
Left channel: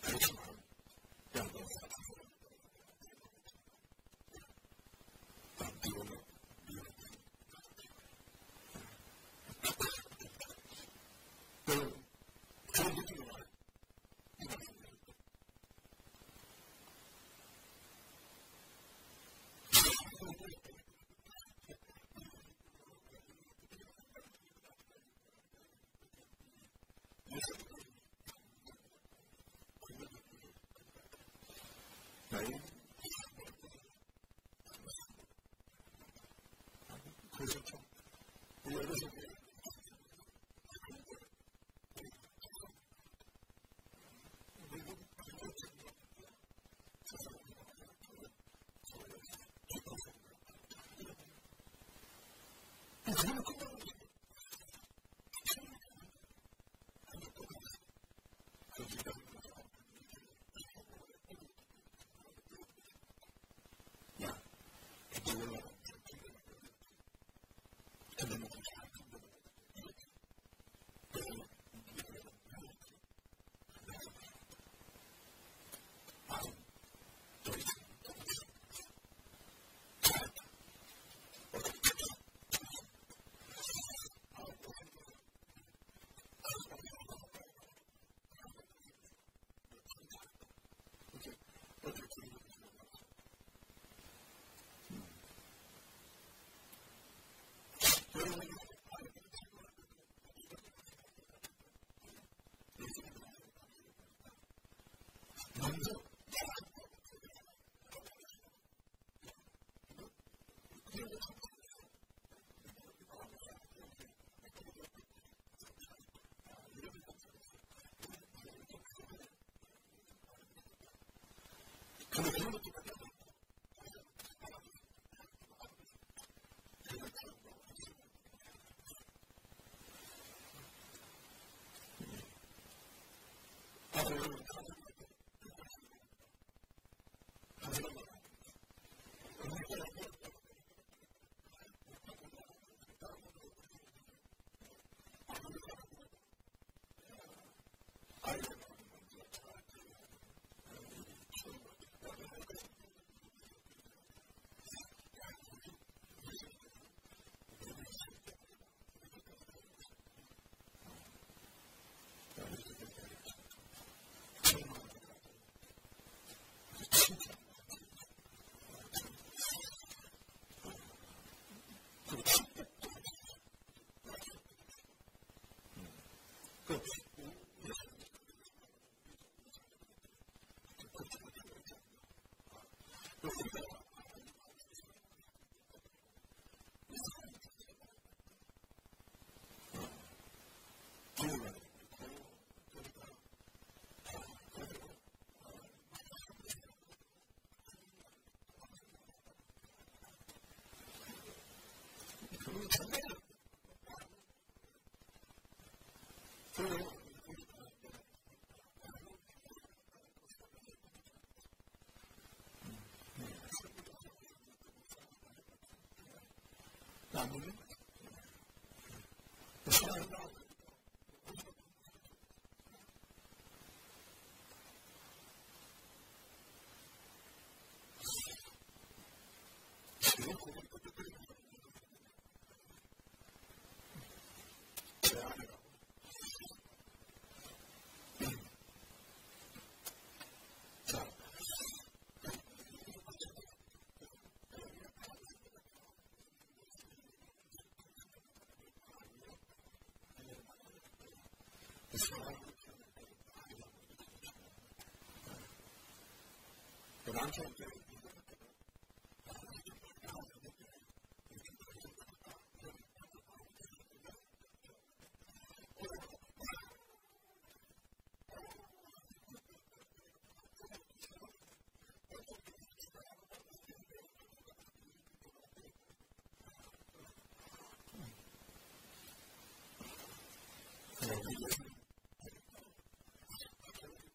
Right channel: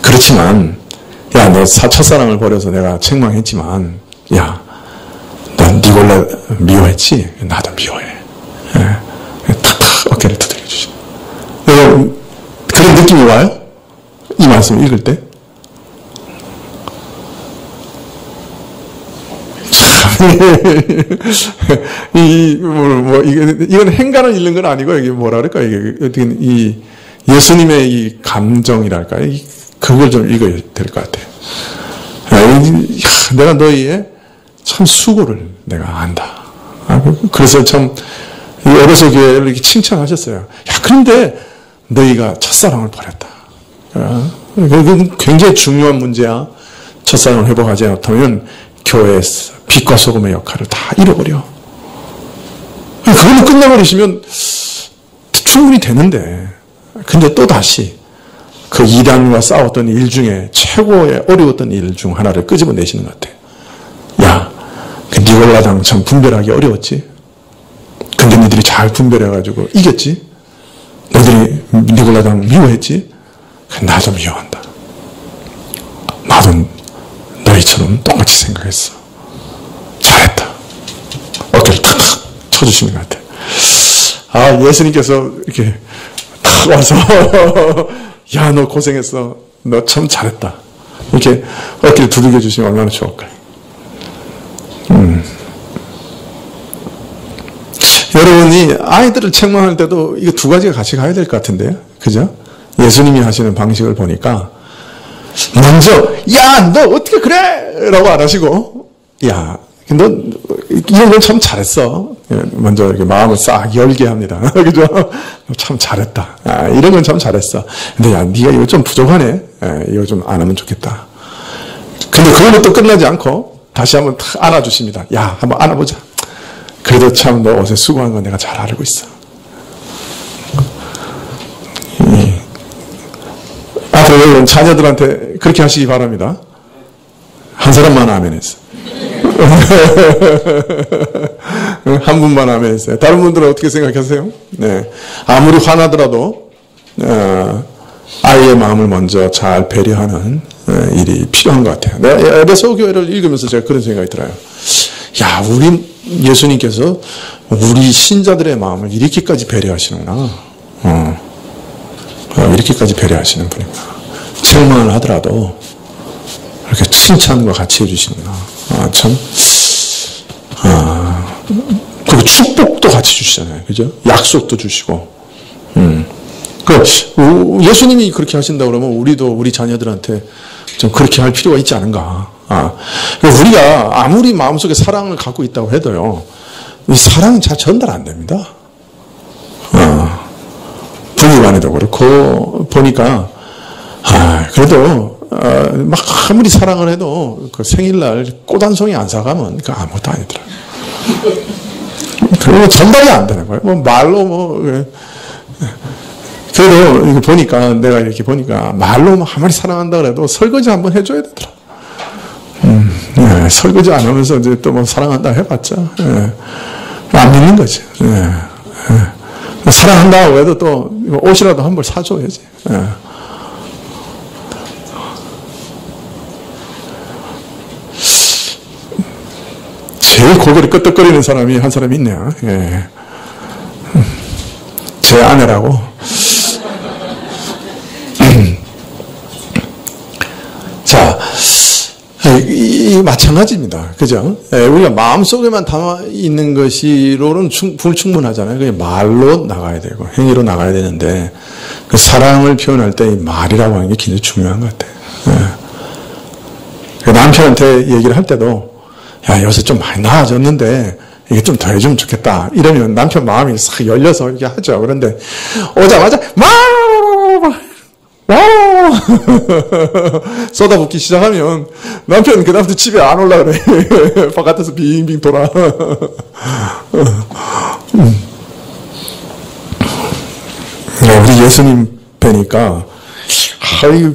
그렇지만, 너 첫사랑을 버려서 내가 책망했지만, 넌 니골라 미워했지? 나도 미워해. 탁탁 어깨를 두들겨 주시고. 그런 느낌이 와요? 이 말씀을 읽을 때? 이건 행간을 읽는 건 아니고, 이게 뭐라 그럴까? 이게 어떻게, 예수님의 이 감정이랄까? 그걸 좀 읽어야 될 것 같아요. 내가 너희의 참 수고를 내가 안다. 그래서 참, 에베소 교회를 이렇게 칭찬하셨어요. 그런데 너희가 첫사랑을 버렸다. 그건 굉장히 중요한 문제야. 첫사랑을 회복하지 못하면 교회에서 빛과 소금의 역할을 다 잃어버려. 그걸로 끝내버리시면 충분히 되는데, 근데 또 다시 그 이단과 싸웠던 일 중에 최고의 어려웠던 일 중 하나를 끄집어내시는 것 같아요. 그 니골라당 참 분별하기 어려웠지. 근데 니들이 잘 분별해가지고 이겼지. 너희들이 니골라당 미워했지. 나도 미워한다. 나도 너희처럼 똑같이 생각했어. 잘했다. 어깨를 탁탁 쳐주시는 것 같아요. 예수님께서 이렇게 탁 와서 너 고생했어. 너 참 잘했다. 이렇게 어깨를 두들겨 주시면 얼마나 좋을까요? 여러분이 아이들을 책망할 때도 이거 두 가지가 같이 가야 될 것 같은데요. 그죠? 예수님이 하시는 방식을 보니까 먼저 너 어떻게 그래? 라고 안 하시고 너 이런 건 참 잘했어. 먼저 이렇게 마음을 싹 열게 합니다. 그죠? 참 잘했다. 이런 건 참 잘했어. 근데 네가 이거 좀 부족하네. 이거 좀 안 하면 좋겠다. 근데 그걸로 또 끝나지 않고 다시 한번 탁 안아주십니다. 한번 안아보자. 그래도 참 너 어제 수고한 거 내가 잘 알고 있어. 앞으로 여러분 자녀들한테 그렇게 하시기 바랍니다. 한 사람만 아멘했어. 한 분만 아멘했어요. 다른 분들은 어떻게 생각하세요? 네. 아무리 화나더라도 아이의 마음을 먼저 잘 배려하는 일이 필요한 것 같아요. 내가 에베소 교회를 읽으면서 제가 그런 생각이 들어요. 우리 예수님께서 우리 신자들의 마음을 이렇게까지 배려하시는구나. 이렇게까지 배려하시는 분이구나. 책망을 하더라도 이렇게 칭찬과 같이 해주시는구나. 그리고 축복도 같이 주시잖아요. 그죠? 약속도 주시고. 예수님이 그렇게 하신다 그러면 우리도 우리 자녀들한테 좀 그렇게 할 필요가 있지 않은가. 우리가 아무리 마음속에 사랑을 갖고 있다고 해도요, 이 사랑은 잘 전달 안 됩니다. 분위반에도 그렇고, 보니까, 그래도, 막 아무리 사랑을 해도 그 생일날 꽃 한 송이 안 사가면 그 아무것도 아니더라고요. 그리고 전달이 안 되는 거예요. 말로 그래도 이거 보니까, 내가 이렇게 보니까 말로 아무리 사랑한다 그래도 설거지 한번 해줘야 되더라. 설거지 안 하면서 이제 또 사랑한다 해봤자, 안 믿는 거지. 사랑한다고 해도 또 옷이라도 한 벌 사줘야지. 제일 고개를 끄덕거리는 사람이 한 사람이 있네요. 제 아내라고. 이 마찬가지입니다. 그죠? 예, 우리가 마음속에만 담아 있는 것이로는 불충분하잖아요. 그냥 말로 나가야 되고 행위로 나가야 되는데 그 사랑을 표현할 때 이 말이라고 하는 게 굉장히 중요한 것 같아요. 예. 남편한테 얘기를 할 때도 야, 요새 좀 많이 나아졌는데 이게 좀 더 해주면 좋겠다. 이러면 남편 마음이 싹 열려서 이렇게 하죠. 그런데 오자마자 쏟아붓기 시작하면 남편 그다음부터 집에 안 올라 그래. 바깥에서 빙빙 돌아. 우리 예수님 뵈니까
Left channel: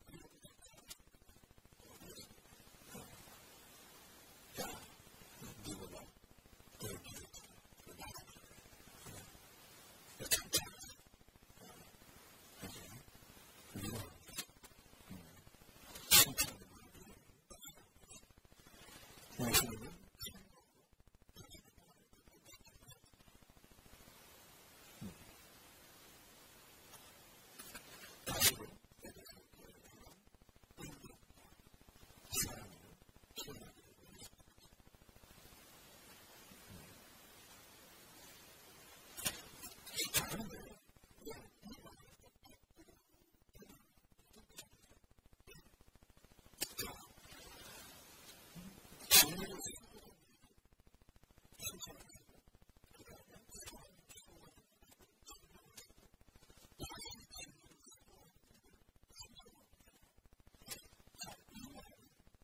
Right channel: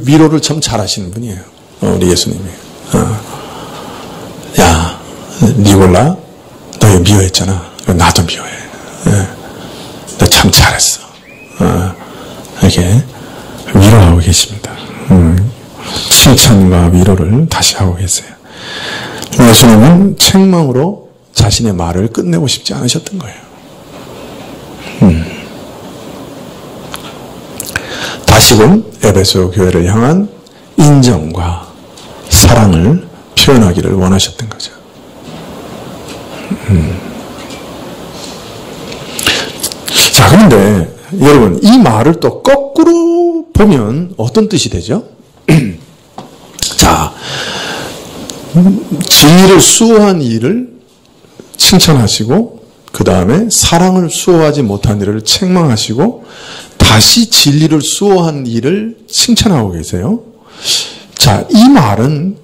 위로를 참 잘하시는 분이에요. 우리 예수님이. 야, 니골라, 너 미워했잖아. 나도 미워해. 너 참 잘했어. 이렇게 위로하고 계십니다. 칭찬과 위로를 다시 하고 계세요. 예수님은 책망으로 자신의 말을 끝내고 싶지 않으셨던 거예요. 다시금 에베소 교회를 향한 인정과 사랑을 표현하기를 원하셨던 거죠. 자, 그런데 여러분, 이 말을 또 거꾸로 보면 어떤 뜻이 되죠? 자, 진리를 수호한 일을 칭찬하시고 그 다음에 사랑을 수호하지 못한 일을 책망하시고 다시 진리를 수호한 일을 칭찬하고 계세요. 자, 이 말은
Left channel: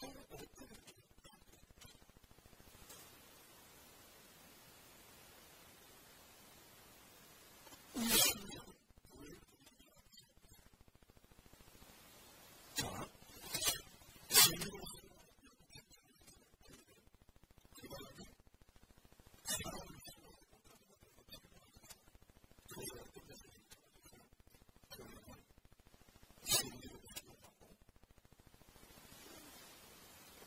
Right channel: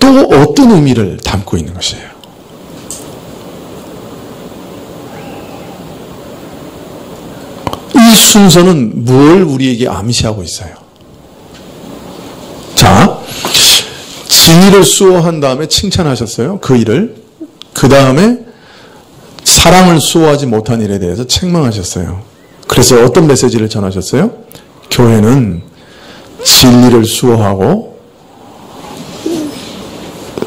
또 어떤 의미를 담고 있는 것이에요? 이 순서는 뭘 우리에게 암시하고 있어요? 자, 진리를 수호한 다음에 칭찬하셨어요. 그 일을. 그 다음에 사랑을 수호하지 못한 일에 대해서 책망하셨어요. 그래서 어떤 메시지를 전하셨어요? 교회는 진리를 수호하고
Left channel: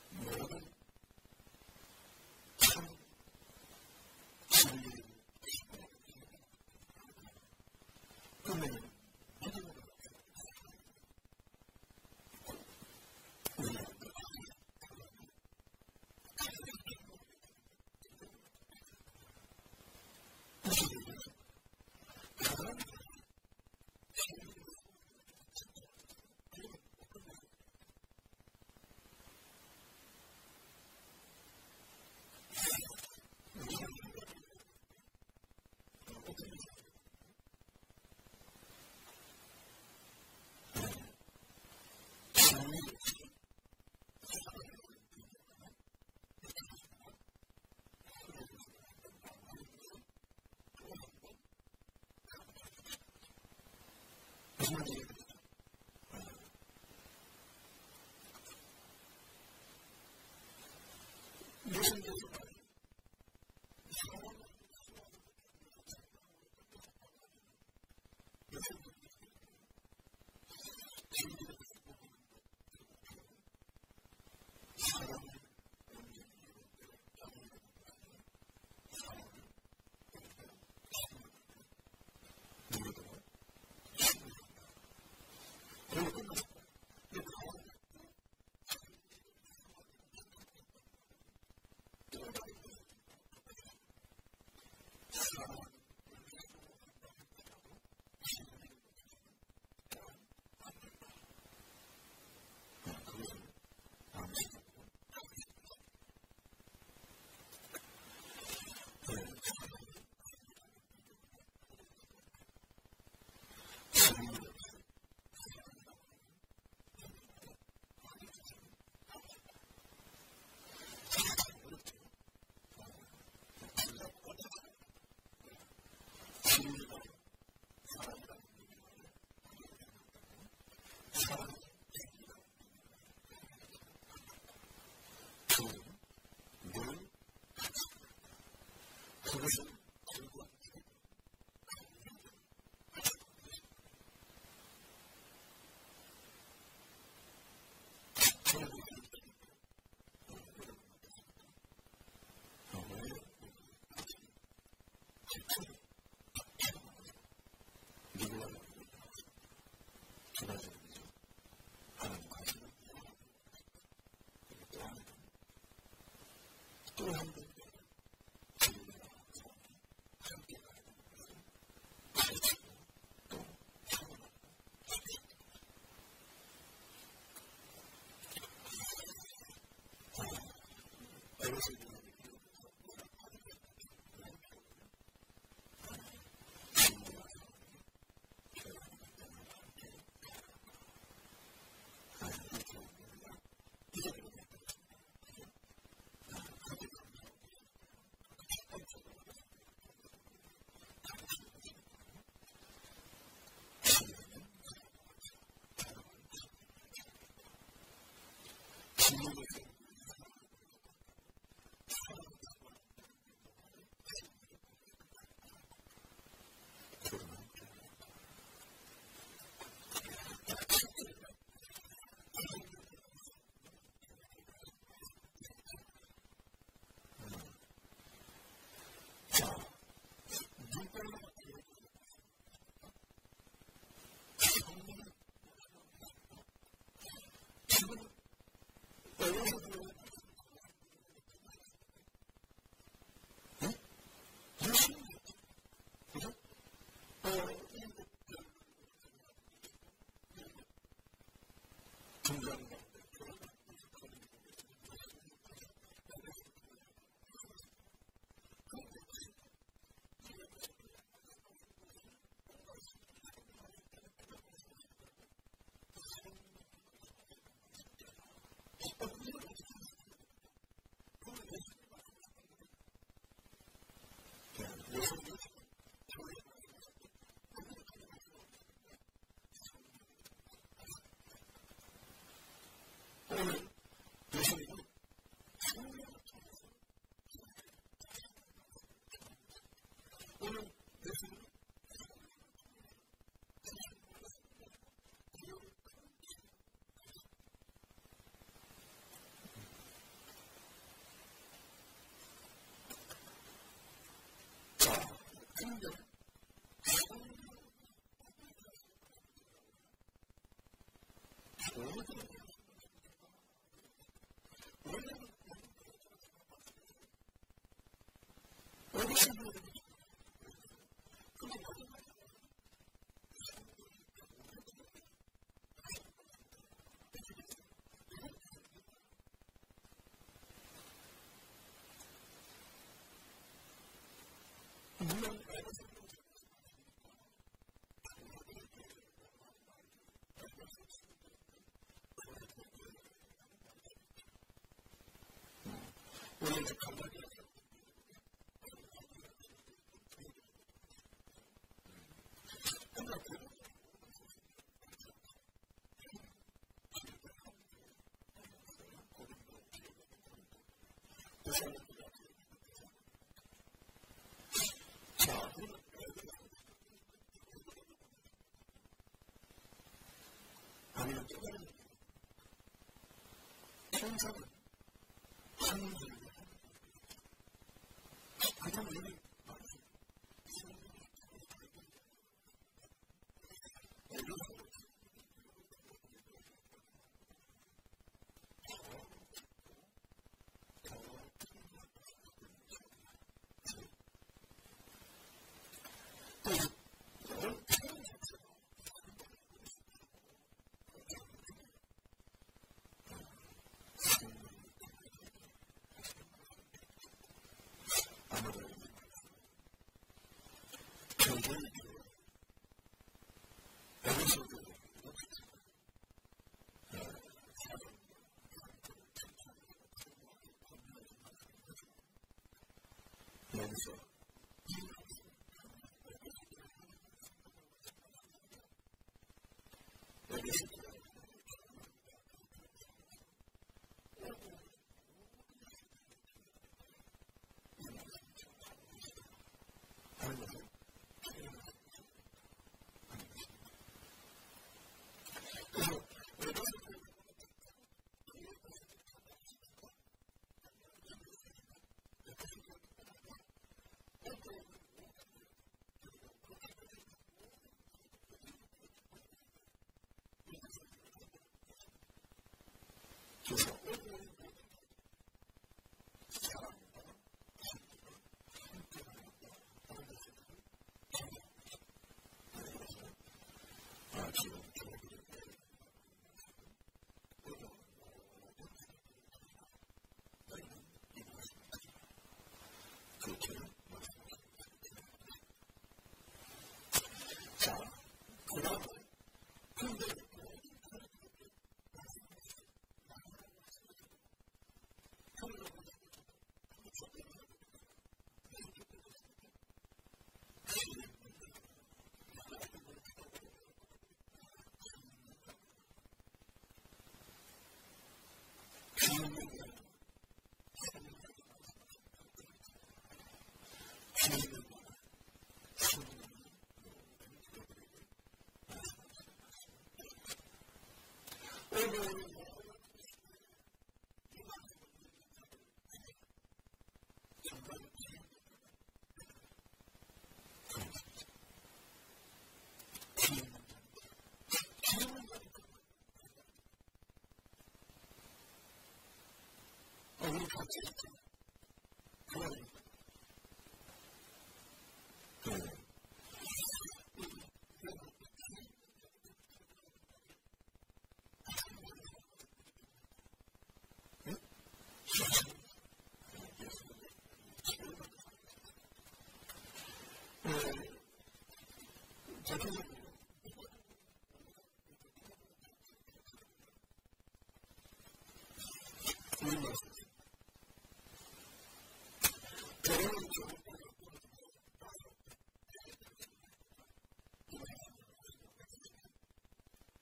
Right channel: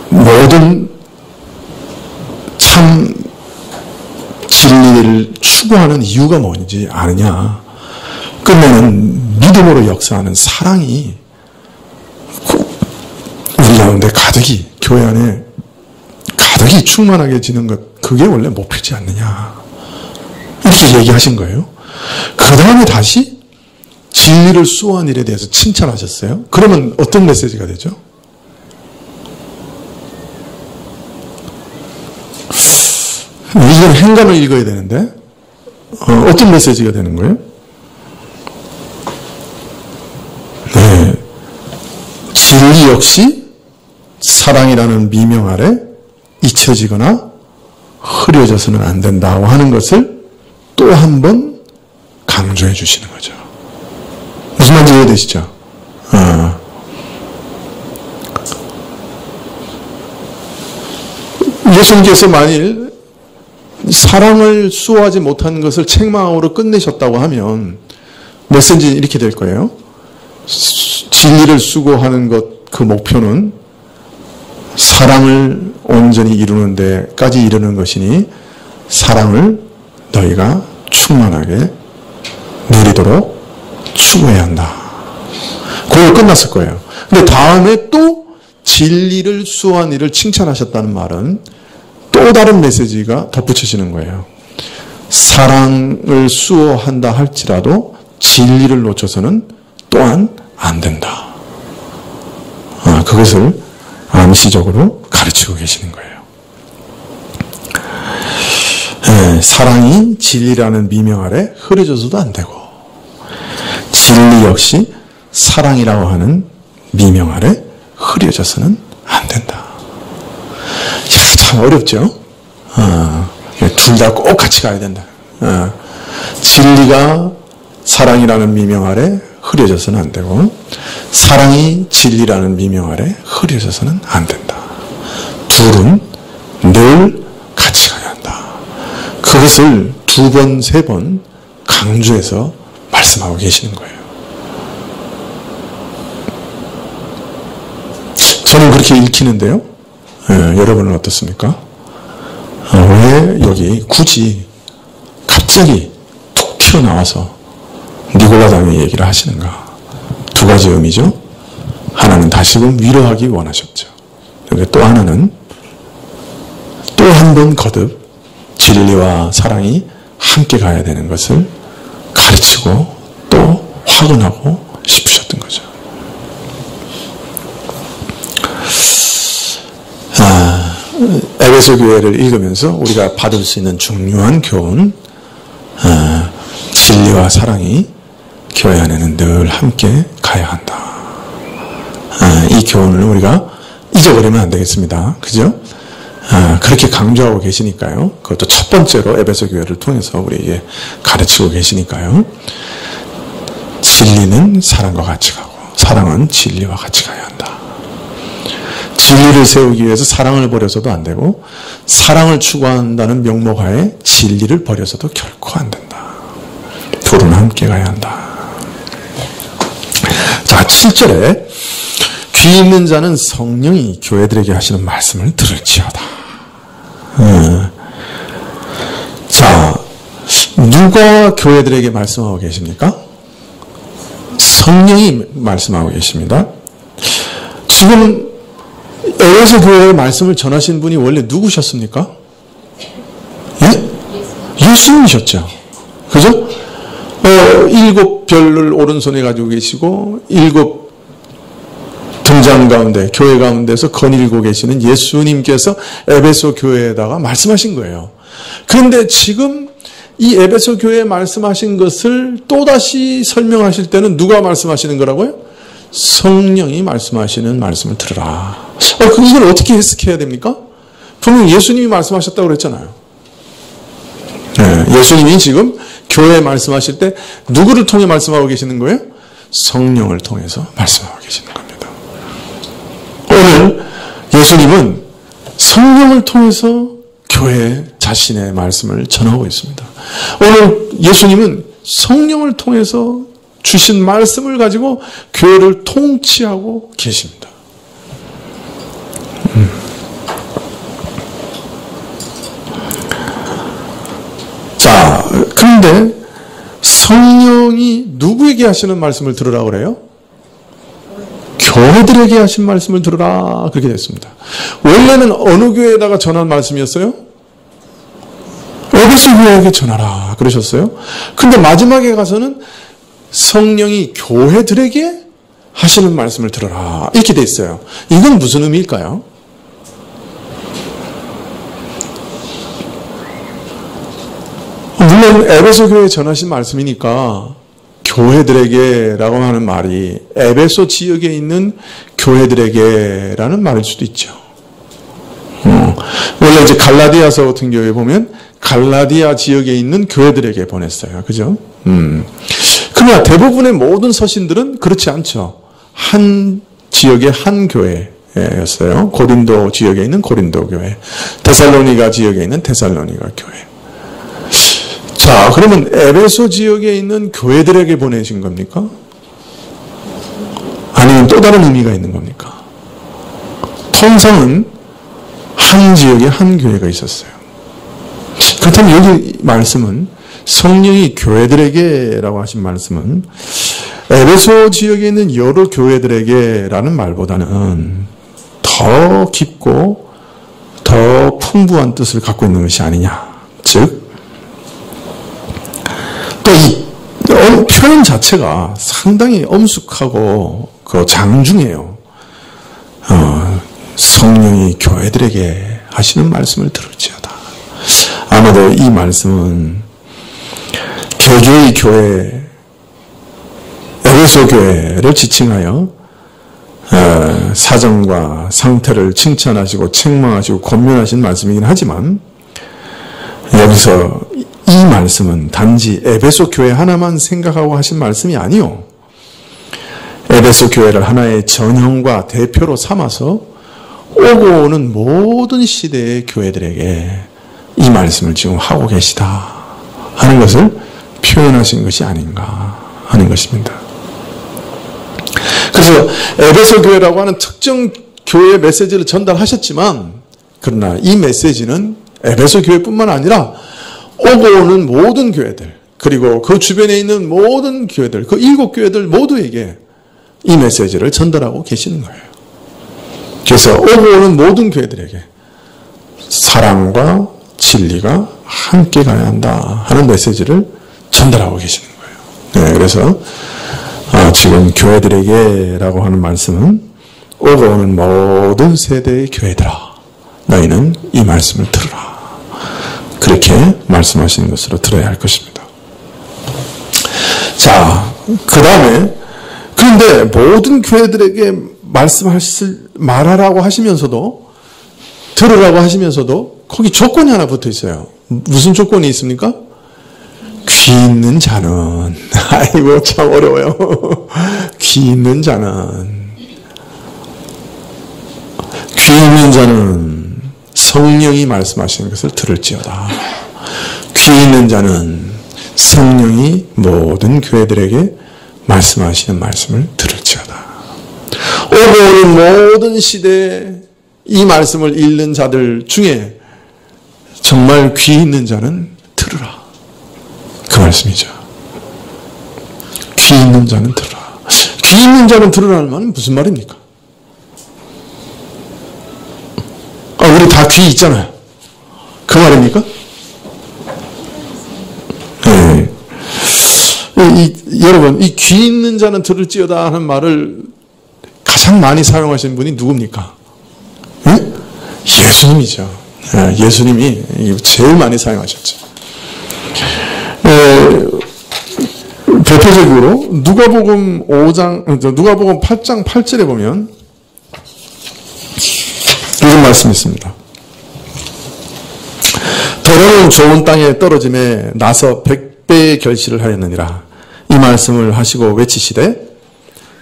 모든 참 진리를 추구하는 이유가 뭔지 아느냐. 끝내는 믿음으로 역사하는 사랑이 우리 가운데 가득히, 교회 안에 가득히 충만하게 지는 것, 그게 원래 목표지 않느냐. 이렇게 얘기하신 거예요. 그 다음에 다시 진리를 수호한 일에 대해서 칭찬하셨어요. 그러면 어떤 메시지가 되죠? 이건 행간을 읽어야 되는데 어떤 메시지가 되는 거예요? 네, 진리 역시 사랑이라는 미명 아래 잊혀지거나 흐려져서는 안 된다고 하는 것을 또 한 번 강조해 주시는 거죠. 무슨 말인지 이해되시죠? 예수님께서 만일 사랑을 수호하지 못한 것을 책망으로 끝내셨다고 하면 메시지는 이렇게 될 거예요. 진리를 수고하는 것, 그 목표는 사랑을 온전히 이루는 데까지 이르는 것이니 사랑을 너희가 충만하게 누리도록 추구해야 한다. 그걸 끝났을 거예요. 근데 다음에 또 진리를 수호한 일을 칭찬하셨다는 말은 또 다른 메시지가 덧붙여지는 거예요. 사랑을 수호한다 할지라도 진리를 놓쳐서는 또한 안 된다. 그것을 암시적으로 가르치고 계시는 거예요. 사랑이 진리라는 미명 아래 흐려져서도 안 되고 진리 역시 사랑이라고 하는 미명 아래 흐려져서는 안 된다. 참 어렵죠? 둘 다 꼭 같이 가야 된다. 진리가 사랑이라는 미명 아래 흐려져서는 안 되고 사랑이 진리라는 미명 아래 흐려져서는 안 된다. 둘은 늘 같이 가야 한다. 그것을 두 번, 세 번 강조해서 말씀하고 계시는 거예요. 저는 그렇게 읽히는데요. 여러분은 어떻습니까? 왜 여기 굳이 갑자기 툭 튀어나와서 니골라당의 얘기를 하시는가? 두 가지 의미죠. 하나는 다시금 위로하기 원하셨죠. 또 하나는 또 한 번 거듭 진리와 사랑이 함께 가야 되는 것을 가르치고 또 확언하고 싶으셨던 거죠. 에베소 교회를 읽으면서 우리가 받을 수 있는 중요한 교훈, 진리와 사랑이 교회 안에는 늘 함께 가야 한다. 이 교훈을 우리가 잊어버리면 안 되겠습니다. 그죠? 그렇게 강조하고 계시니까요. 그것도 첫 번째로 에베소 교회를 통해서 우리에게 가르치고 계시니까요. 진리는 사랑과 같이 가고 사랑은 진리와 같이 가야 한다. 진리를 세우기 위해서 사랑을 버려서도 안 되고 사랑을 추구한다는 명목하에 진리를 버려서도 결코 안 된다. 둘은 함께 가야 한다. 자, 7절에 귀 있는 자는 성령이 교회들에게 하시는 말씀을 들을지어다. 자, 누가 교회들에게 말씀하고 계십니까? 성령이 말씀하고 계십니다. 지금 에베소 교회의 말씀을 전하신 분이 원래 누구셨습니까? 예? 예수님이셨죠. 그죠? 7 별을 오른손에 가지고 계시고 7 등장 가운데 교회 가운데서 거닐고 계시는 예수님께서 에베소 교회에다가 말씀하신 거예요. 그런데 지금 이 에베소 교회에 말씀하신 것을 또다시 설명하실 때는 누가 말씀하시는 거라고요? 성령이 말씀하시는 말씀을 들으라. 이걸 어떻게 해석해야 됩니까? 분명 예수님이 말씀하셨다고 그랬잖아요. 네, 예수님이 지금 교회에 말씀하실 때 누구를 통해 말씀하고 계시는 거예요? 성령을 통해서 말씀하고 계시는 겁니다. 오늘 예수님은 성령을 통해서 교회에 자신의 말씀을 전하고 있습니다. 오늘 예수님은 성령을 통해서 주신 말씀을 가지고 교회를 통치하고 계십니다. 자, 그런데 성령이 누구에게 하시는 말씀을 들으라고 그래요? 교회들에게 하신 말씀을 들으라, 그렇게 됐습니다. 원래는 어느 교회에다가 전한 말씀이었어요? 에베소 교회에게 전하라 그러셨어요. 근데 마지막에 가서는 성령이 교회들에게 하시는 말씀을 들어라 이렇게 돼 있어요. 이건 무슨 의미일까요? 물론 에베소 교회에 전하신 말씀이니까 교회들에게라고 하는 말이 에베소 지역에 있는 교회들에게라는 말일 수도 있죠. 원래 이제 갈라디아서 같은 경우에 보면 갈라디아 지역에 있는 교회들에게 보냈어요. 그죠? 그러나 대부분의 모든 서신들은 그렇지 않죠. 한 지역의 한 교회였어요. 고린도 지역에 있는 고린도 교회, 데살로니가 지역에 있는 데살로니가 교회. 자, 그러면 에베소 지역에 있는 교회들에게 보내신 겁니까? 아니면 또 다른 의미가 있는 겁니까? 통상은 한 지역에 한 교회가 있었어요. 그렇다면 여기 말씀은 성령이 교회들에게라고 하신 말씀은 에베소 지역에 있는 여러 교회들에게라는 말보다는 더 깊고 더 풍부한 뜻을 갖고 있는 것이 아니냐. 즉, 또 이 표현 자체가 상당히 엄숙하고 장중해요. 성령이 교회들에게 하시는 말씀을 들을지어다. 아마도 이 말씀은 개교의 교회, 에베소 교회를 지칭하여 사정과 상태를 칭찬하시고 책망하시고 권면하신 말씀이긴 하지만 여기서 이 말씀은 단지 에베소 교회 하나만 생각하고 하신 말씀이 아니요. 에베소 교회를 하나의 전형과 대표로 삼아서 오고 오는 모든 시대의 교회들에게 이 말씀을 지금 하고 계시다 하는 것을 표현하신 것이 아닌가 하는 것입니다. 그래서 에베소 교회라고 하는 특정 교회의 메시지를 전달하셨지만 그러나 이 메시지는 에베소 교회뿐만 아니라 오고 오는 모든 교회들 그리고 그 주변에 있는 모든 교회들 그 7 교회들 모두에게 이 메시지를 전달하고 계시는 거예요. 그래서 오고 오는 모든 교회들에게 사랑과 진리가 함께 가야 한다 하는 메시지를 전달하고 계시는 거예요. 네, 그래서 지금 교회들에게라고 하는 말씀은 오고 오는 모든 세대의 교회들아, 너희는 이 말씀을 들으라. 그렇게 말씀하시는 것으로 들어야 할 것입니다. 자, 그 다음에 그런데 모든 교회들에게 말하라고 하시면서도, 들으라고 하시면서도 거기 조건이 하나 붙어 있어요. 무슨 조건이 있습니까? 귀 있는 자는, 아이고 참 어려워요. 귀 있는 자는, 귀 있는 자는 성령이 말씀하시는 것을 들을지어다. 귀 있는 자는 성령이 모든 교회들에게 말씀하시는 말씀을 들을지어다. 오고 오는 모든 시대에 이 말씀을 읽는 자들 중에 정말 귀 있는 자는 들으라. 그 말씀이죠. 귀 있는 자는 들으라. 귀 있는 자는 들으라는 말은 무슨 말입니까? 우리 다 귀 있잖아요. 그 말입니까? 네. 여러분, 이 귀 있는 자는 들을지어다 하는 말을 가장 많이 사용하신 분이 누굽니까? 네? 예수님이죠. 네, 예수님이 제일 많이 사용하셨죠. 대표적으로 누가복음 8장 8절에 보면 이런 말씀이 있습니다. 더러운 좋은 땅에 떨어짐에 나서 100배의 결실을 하였느니라. 이 말씀을 하시고 외치시되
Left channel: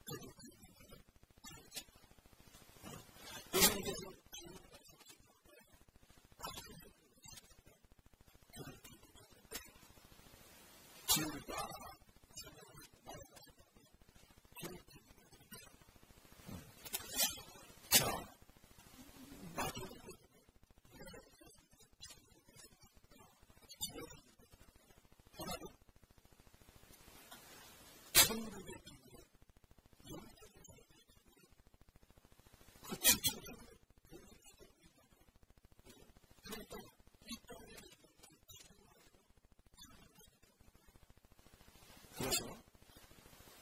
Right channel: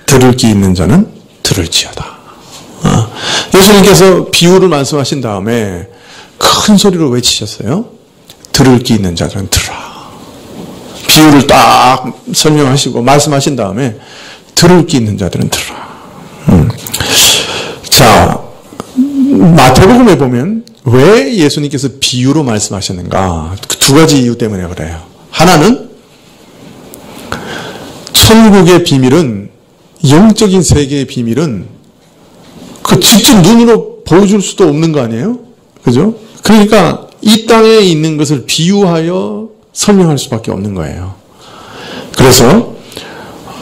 들을 귀 있는 자는 들을지어다. 예수님께서 비유를 말씀하신 다음에 큰 소리로 외치셨어요. 들을 귀 있는 자들은 들으라. 비유를 딱 설명하시고 말씀하신 다음에 들을 귀 있는 자들은 들으라. 자, 마태복음에 보면 왜 예수님께서 비유로 말씀하셨는가? 두 가지 이유 때문에 그래요. 하나는 천국의 비밀은, 영적인 세계의 비밀은 그 직접 눈으로 보여줄 수도 없는 거 아니에요? 그죠? 그러니까 이 땅에 있는 것을 비유하여 설명할 수밖에 없는 거예요. 그래서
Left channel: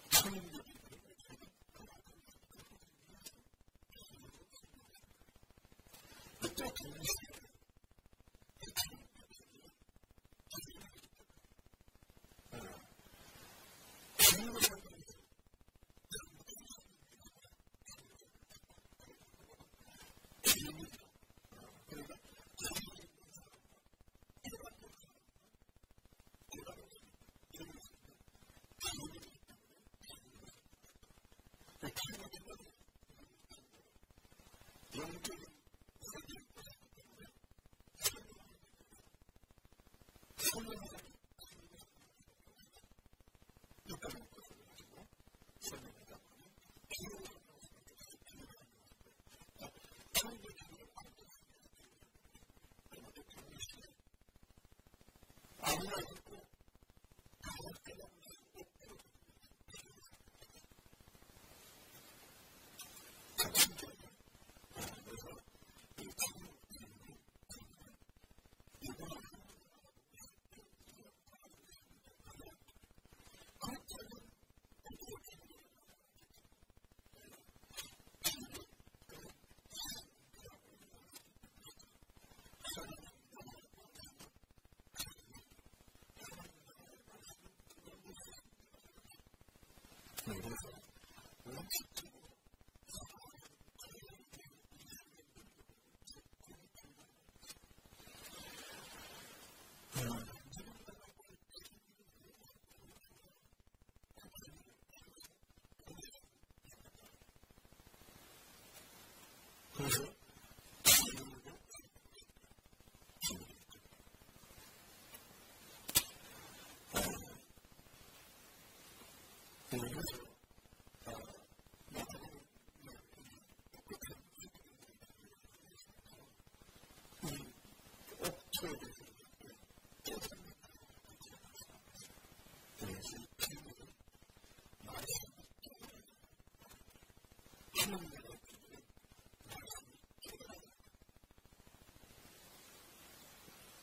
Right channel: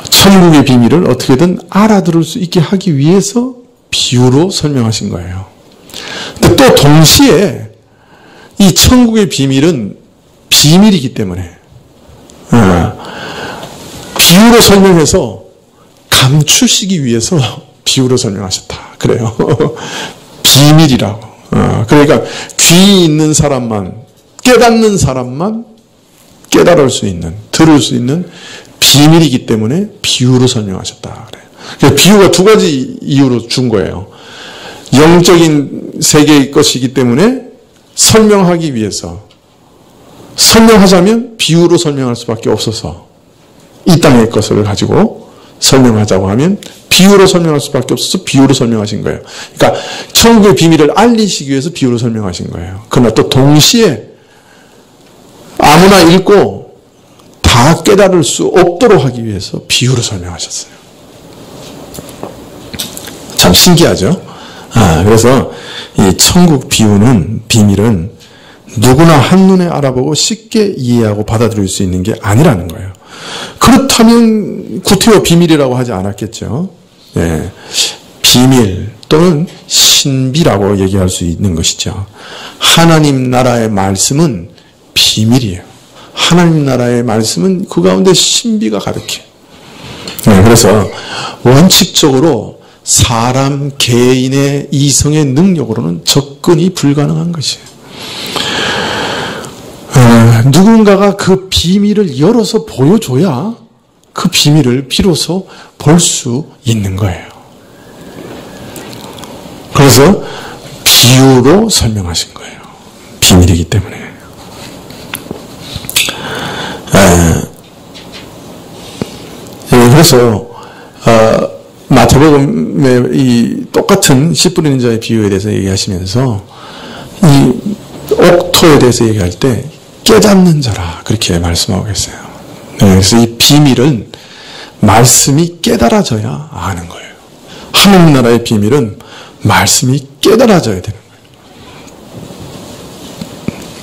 천국의 비밀을 어떻게든 알아들을 수 있게 하기 위해서 비유로 설명하신 거예요. 근데 또 동시에 이 천국의 비밀은 비밀이기 때문에 비유로 설명해서 감추시기 위해서 비유로 설명하셨다. 그래요. 비밀이라고. 그러니까 귀 있는 사람만, 깨닫는 사람만 깨달을 수 있는, 들을 수 있는 비밀이기 때문에 비유로 설명하셨다. 그래요. 그래서 비유가 두 가지 이유로 준 거예요. 영적인 세계의 것이기 때문에 설명하기 위해서, 설명하자면 비유로 설명할 수밖에 없어서 이 땅의 것을 가지고 설명하자고 하면 비유로 설명할 수밖에 없어서 비유로 설명하신 거예요. 그러니까 천국의 비밀을 알리시기 위해서 비유로 설명하신 거예요. 그러나 또 동시에 아무나 읽고 다 깨달을 수 없도록 하기 위해서 비유로 설명하셨어요. 참 신기하죠? 그래서 이 천국 비밀은 누구나 한눈에 알아보고 쉽게 이해하고 받아들일 수 있는 게 아니라는 거예요. 그렇다면 구태여 비밀이라고 하지 않았겠죠. 예, 비밀 또는 신비라고 얘기할 수 있는 것이죠. 하나님 나라의 말씀은 비밀이에요. 하나님 나라의 말씀은 그 가운데 신비가 가득해. 네, 그래서 원칙적으로 사람 개인의 이성의 능력으로는 접근이 불가능한 것이에요. 누군가가 그 비밀을 열어서 보여줘야 그 비밀을 비로소 볼 수 있는 거예요. 그래서 비유로 설명하신 거예요. 비밀이기 때문에. 그래서 마태복음의 이 똑같은 씨 뿌리는 자의 비유에 대해서 얘기하시면서 이 옥토에 대해서 얘기할 때 깨닫는 자라 그렇게 말씀하고 계세요. 그래서 이 비밀은 말씀이 깨달아져야 아는 거예요. 하나님 나라의 비밀은 말씀이 깨달아져야 되는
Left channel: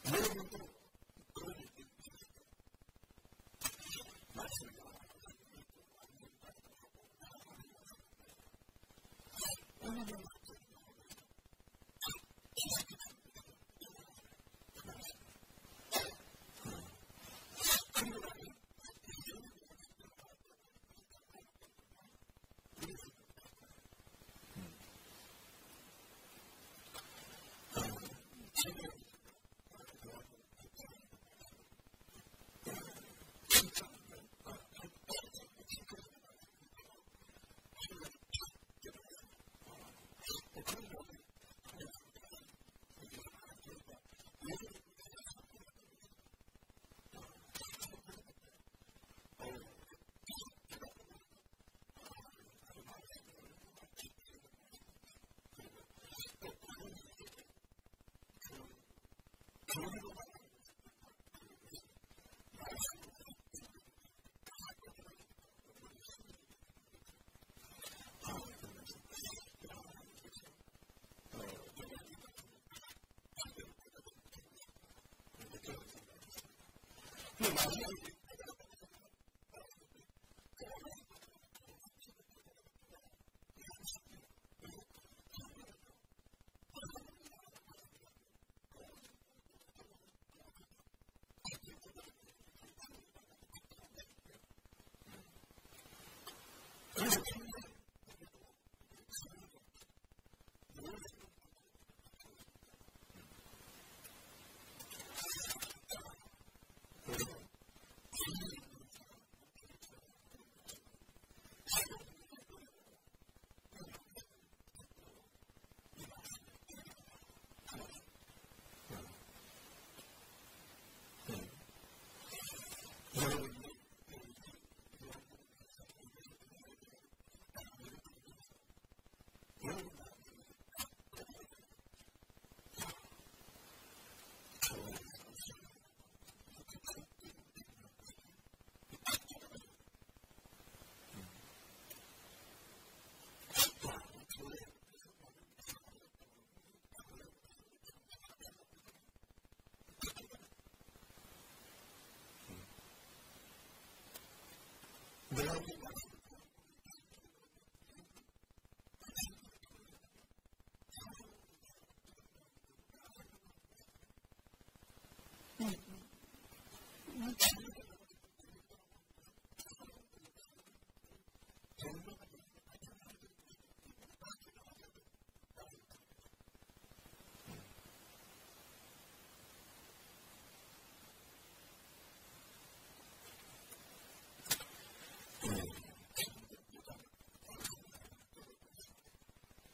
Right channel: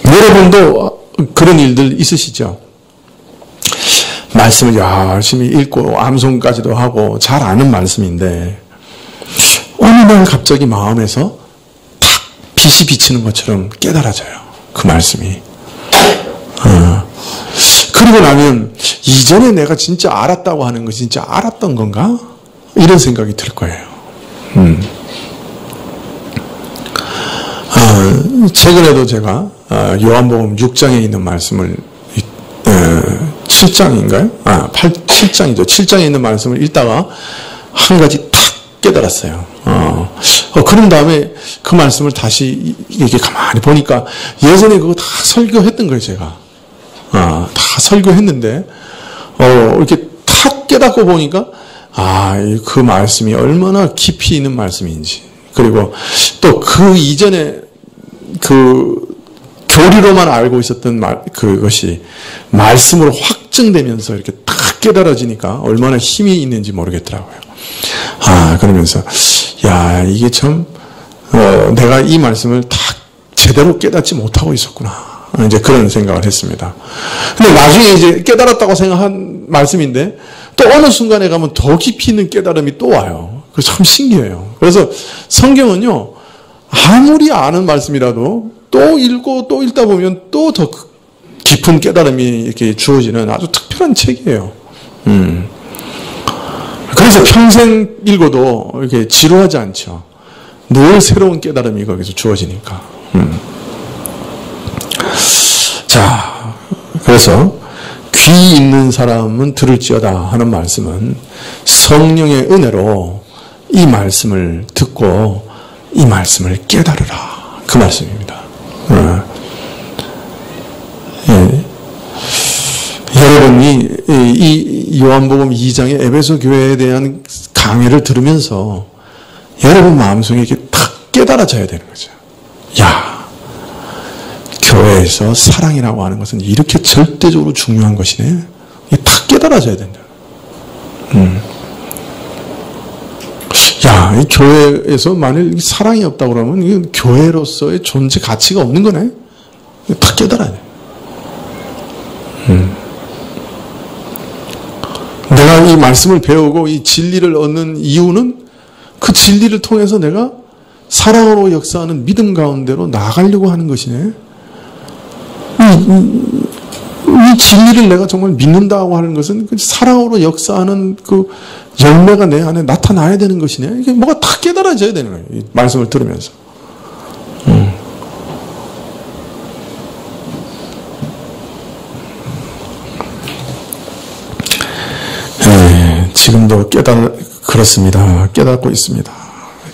거예요. 여러분도 그런 일들 있으시죠? 말씀을 열심히 읽고 암송까지도 하고 잘 아는 말씀인데 어느 날 갑자기 마음에서 탁 빛이 비치는 것처럼 깨달아져요. 그 말씀이. 그리고 나면 이전에 내가 진짜 알았다고 하는 것이 진짜 알았던 건가? 이런 생각이 들 거예요. 최근에도 제가 요한복음 6장에 있는 말씀을 7장인가요? 7장이죠. 7장에 있는 말씀을 읽다가 한 가지 탁 깨달았어요. 그런 다음에 그 말씀을 다시 이렇게 가만히 보니까 예전에 그거 다 설교했던 거예요, 제가. 다 설교했는데, 이렇게 탁 깨닫고 보니까, 그 말씀이 얼마나 깊이 있는 말씀인지. 그리고 또 그 이전에 교리로만 알고 있었던 그것이 말씀으로 확증되면서 이렇게 탁 깨달아지니까 얼마나 힘이 있는지 모르겠더라고요. 그러면서, 이게 참, 내가 이 말씀을 딱 제대로 깨닫지 못하고 있었구나. 이제 그런 생각을 했습니다. 근데 나중에 이제 깨달았다고 생각한 말씀인데, 또 어느 순간에 가면 더 깊이 있는 깨달음이 또 와요. 그래서 참 신기해요. 그래서 성경은요, 아무리 아는 말씀이라도 또 읽고 또 읽다 보면 또 더 깊은 깨달음이 이렇게 주어지는 아주 특별한 책이에요. 그래서 평생 읽어도 이렇게 지루하지 않죠. 늘 새로운 깨달음이 거기서 주어지니까. 자, 그래서 귀 있는 사람은 들을지어다 하는 말씀은 성령의 은혜로 이 말씀을 듣고 이 말씀을 깨달으라. 그 말씀입니다. 여러분이 이 요한복음 2장의 에베소 교회에 대한 강해를 들으면서 여러분 마음속에 이렇게 탁 깨달아져야 되는 거죠. 교회에서 사랑이라고 하는 것은 이렇게 절대적으로 중요한 것이네. 이게 탁 깨달아져야 된다. 이 교회에서 만일 사랑이 없다고 그러면 이건 교회로서의 존재 가치가 없는 거네. 탁 깨달아야 돼. 내가 이 말씀을 배우고 이 진리를 얻는 이유는 그 진리를 통해서 내가 사랑으로 역사하는 믿음 가운데로 나아가려고 하는 것이네. 이 진리를 내가 정말 믿는다고 하는 것은 그 사랑으로 역사하는 그 열매가 내 안에 나타나야 되는 것이네. 이게 뭐가 다 깨달아져야 되는 거예요. 이 말씀을 들으면서. 지금도 그렇습니다. 깨닫고 있습니다.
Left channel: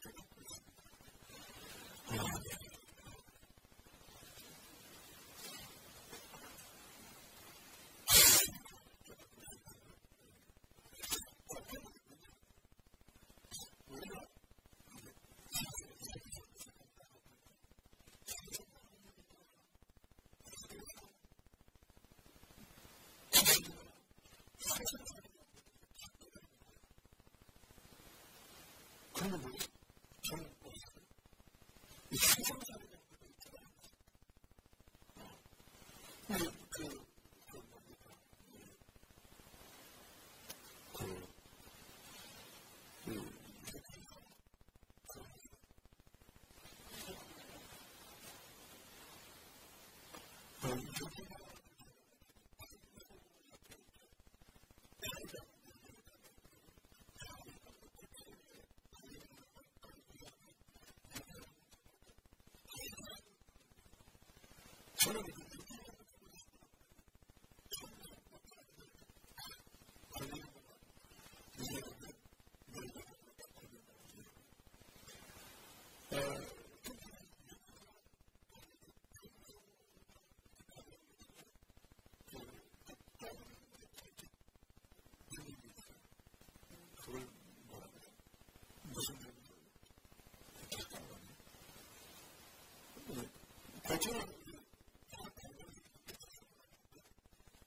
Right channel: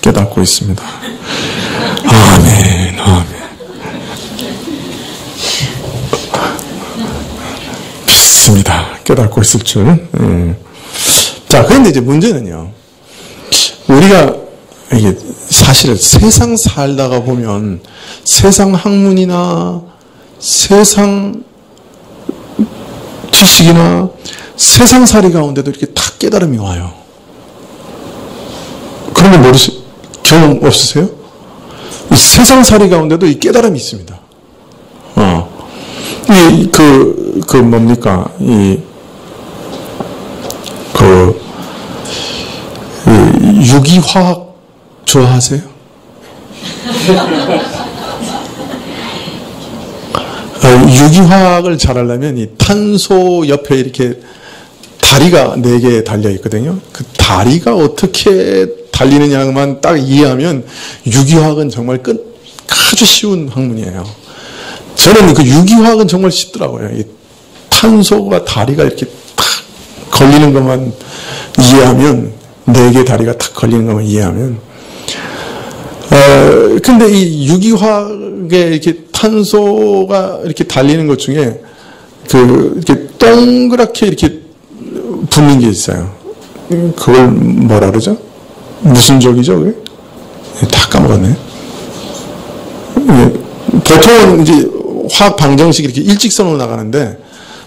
깨닫고 있습니다. 아멘, 아멘. 믿습니다. 깨닫고 있을 줄. 자, 그런데 이제 문제는요. 우리가 이게 사실은 세상 살다가 보면 세상 학문이나 세상 지식이나 세상살이 가운데도 이렇게 탁 깨달음이 와요. 그런 거 경험 없으세요? 이 세상살이 가운데도 이 깨달음이 있습니다. 뭡니까? 유기화학 좋아하세요? 유기화학을 잘하려면 이 탄소 옆에 이렇게 다리가 4개 달려 있거든요. 그 다리가 어떻게 달리느냐만 딱 이해하면 유기화학은 정말 아주 쉬운 학문이에요. 저는 그 유기화학은 정말 쉽더라고요. 이 탄소가 다리가 이렇게 탁 걸리는 것만 이해하면 4개 다리가 탁 걸리는 것만 이해하면 근데 이 유기화학에 이렇게 탄소가 이렇게 달리는 것 중에 이렇게 동그랗게 이렇게 붙는 게 있어요. 그걸 뭐라 그러죠? 무슨 적이죠, 그게? 다 까먹었네. 보통은 이제 화학 방정식이 이렇게 일직선으로 나가는데,